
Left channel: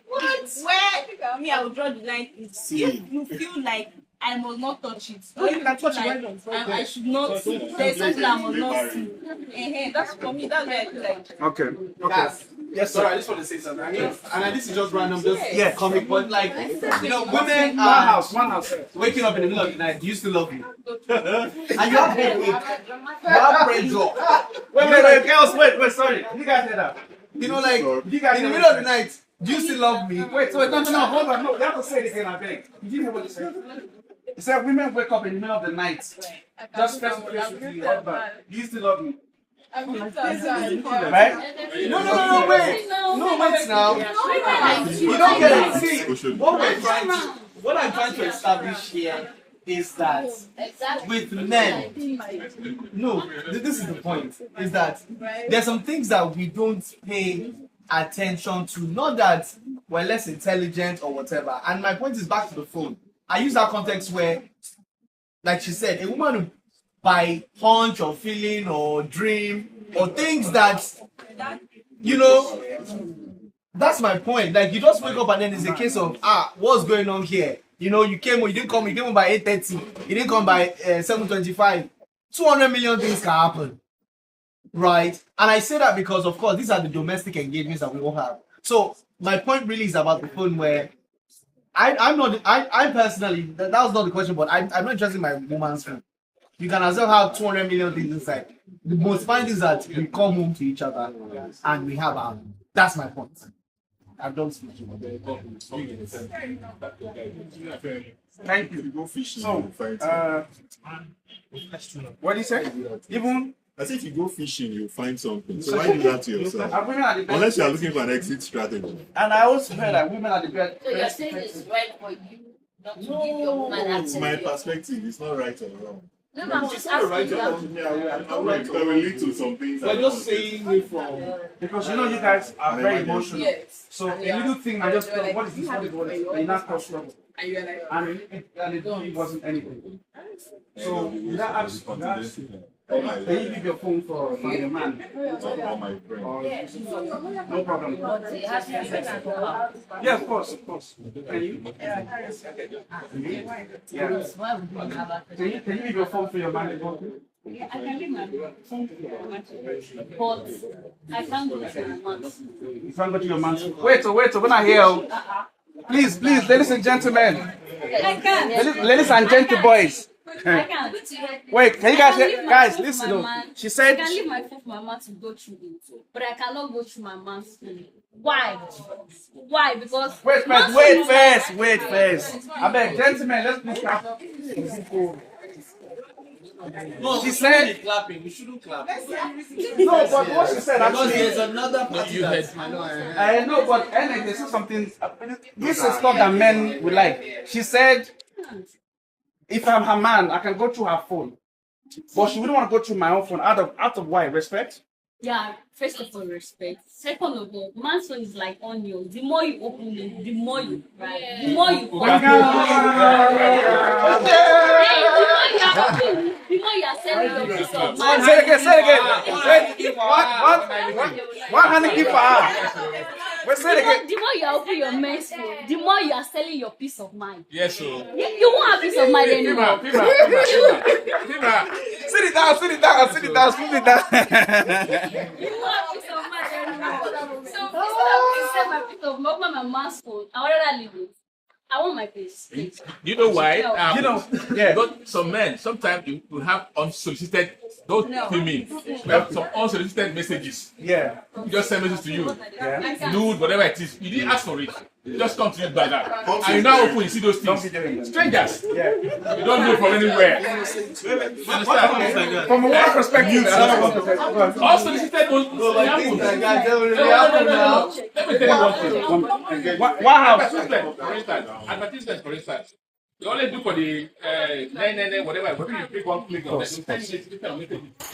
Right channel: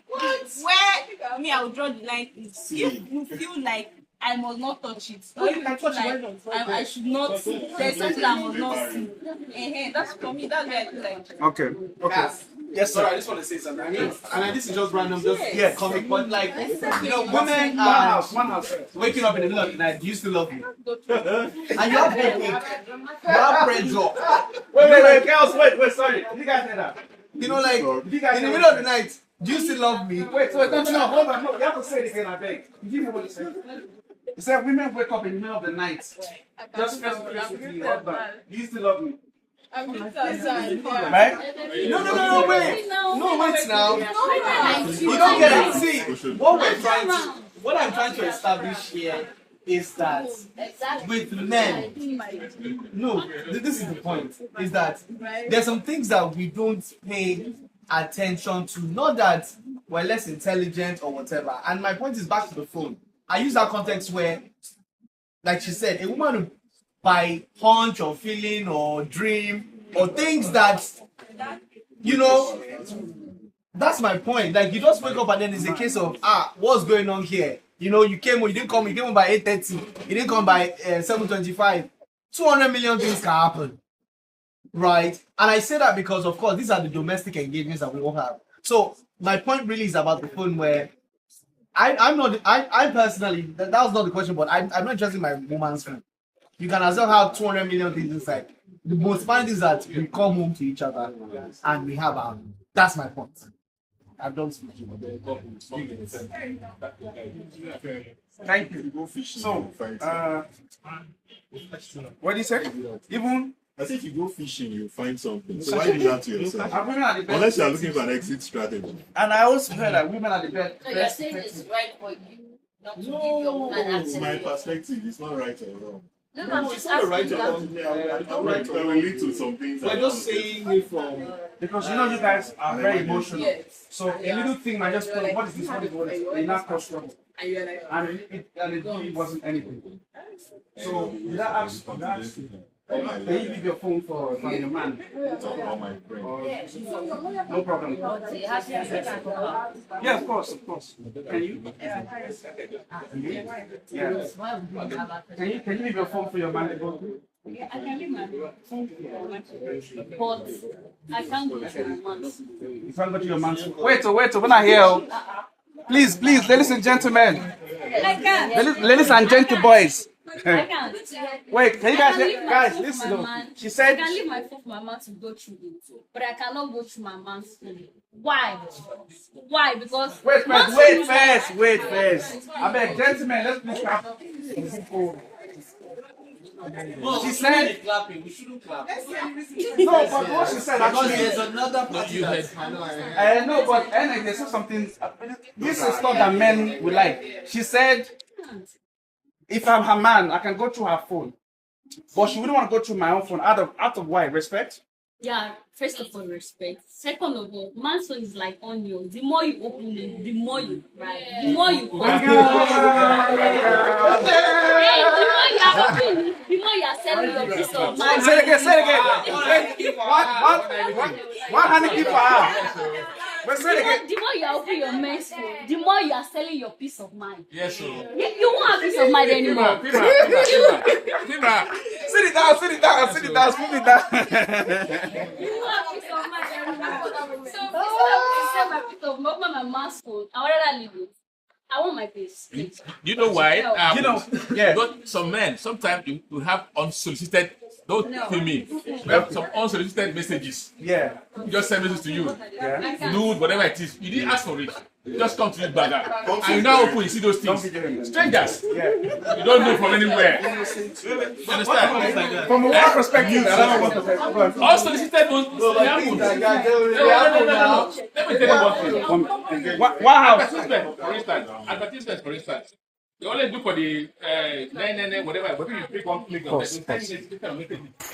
where me I will draw the line is if you feel like I must not touch it. Or you can touch it. I should not see. There's something I must not see. That's for me. That's where I feel like. Okay. Yes, sir. I just want to say something. And this is just random, comic, but like, women are waking up in the middle of the night. Do you still love you? And you have headache. You have friends up. Wait, girls, wait, sorry. You guys heard that? In the middle of the night, do you still love me? Wait, hold on. No, you have to say it again, I beg. You give me what you said. You said women wake up in the middle of the night. Just face to face with you. Do you still love me? Right? No, wait. No, wait now. You don't get it. See, what I'm trying to establish here is that with men, no, this is the point, is that there's some things that we don't pay attention to, not that we're less intelligent or whatever. And my point is back to the phone. I use that context where, like she said, a woman will by hunch or feeling or dream or things that, you know, that's my point. Like, you just wake up and then it's a case of, what's going on here? You know, you didn't come home by 8:30. You didn't come by 7:25. 200 million things can happen, right? And I say that because, of course, these are the domestic engagements that we all have. So my point really is about the phone where I personally, that was not the question, but I'm not interested in my woman's phone. You can as well have 200 million things inside. The most fun is that we come home to each other and we have our. That's my point. I've done something. Thank you. Go fishing. So, what do you say? Even as if you go fishing, you find something. So why do that to yourself? Unless you are looking for an exit strategy. And I also heard that women are the best. So you're saying it's right for you not to give your woman access From my to your perspective, it's not right or wrong. No, I'm just Right asking or wrong. I will lead to some things. We're just saying it from, because you guys are very emotional. So a little thing might just go, what is this? What is what? And not cause trouble. And it really wasn't anything. So that ask, can you leave your phone for your man? Talk about my friend. No problem. So you have to respect her. Yeah, of course. Can you? Yeah. Why would you have access? Can you leave your phone for your man? Yeah, I can leave my phone for my man. But I can't go to my man's. You can't go to your man's. Wait, when I hear. Please, ladies and gentlemen. I can. Ladies and gentle boys. I can. Wait, can you I can guys leave hear? my Guys, phone listen. for my man. She said. I can leave my phone for my man to go through it, but I cannot go through my man's phone. Why? Because Wait first. I beg, gentlemen, let's look up. no, she said clapping. We shouldn't clap. No, but what she said Because actually. there's another party that I know, but anyway, this is something. This is stuff that men will like. She said, if I'm her man, I can go through her phone, but she wouldn't want to go through my own phone. Out of why? Respect. yeah, first of all, respect. Second of all, man's phone is like onion. The more you open it, the more you cry. The more you cry. The more you are selling your piece of mind. Say it again. What? How many people are? Wait, say it again. The more you are opening your men's phone, the more you are selling your peace of mind. Yes, sir. You won't have peace of mind anymore. Pima. Sit it down. Put it down. You won't have peace of mind anymore. So instead of selling my peace of mind, my man's phone, I would rather leave it. I want my peace. You know why? Yeah. But some men, sometimes you will have unsolicited, don't kill me. You have some unsolicited messages. Yeah. Just send messages to you. Yeah. Nude, whatever it is. You didn't ask for it. It just come to you like that. And you now open, you see those things. Strangers. Yeah. You don't know from anywhere. You understand? From a woman perspective, Unsolicited will happen. No. Let me tell you one thing. What house? Advertisements, for instance. You only do for the whatever. Maybe you pick one click on it.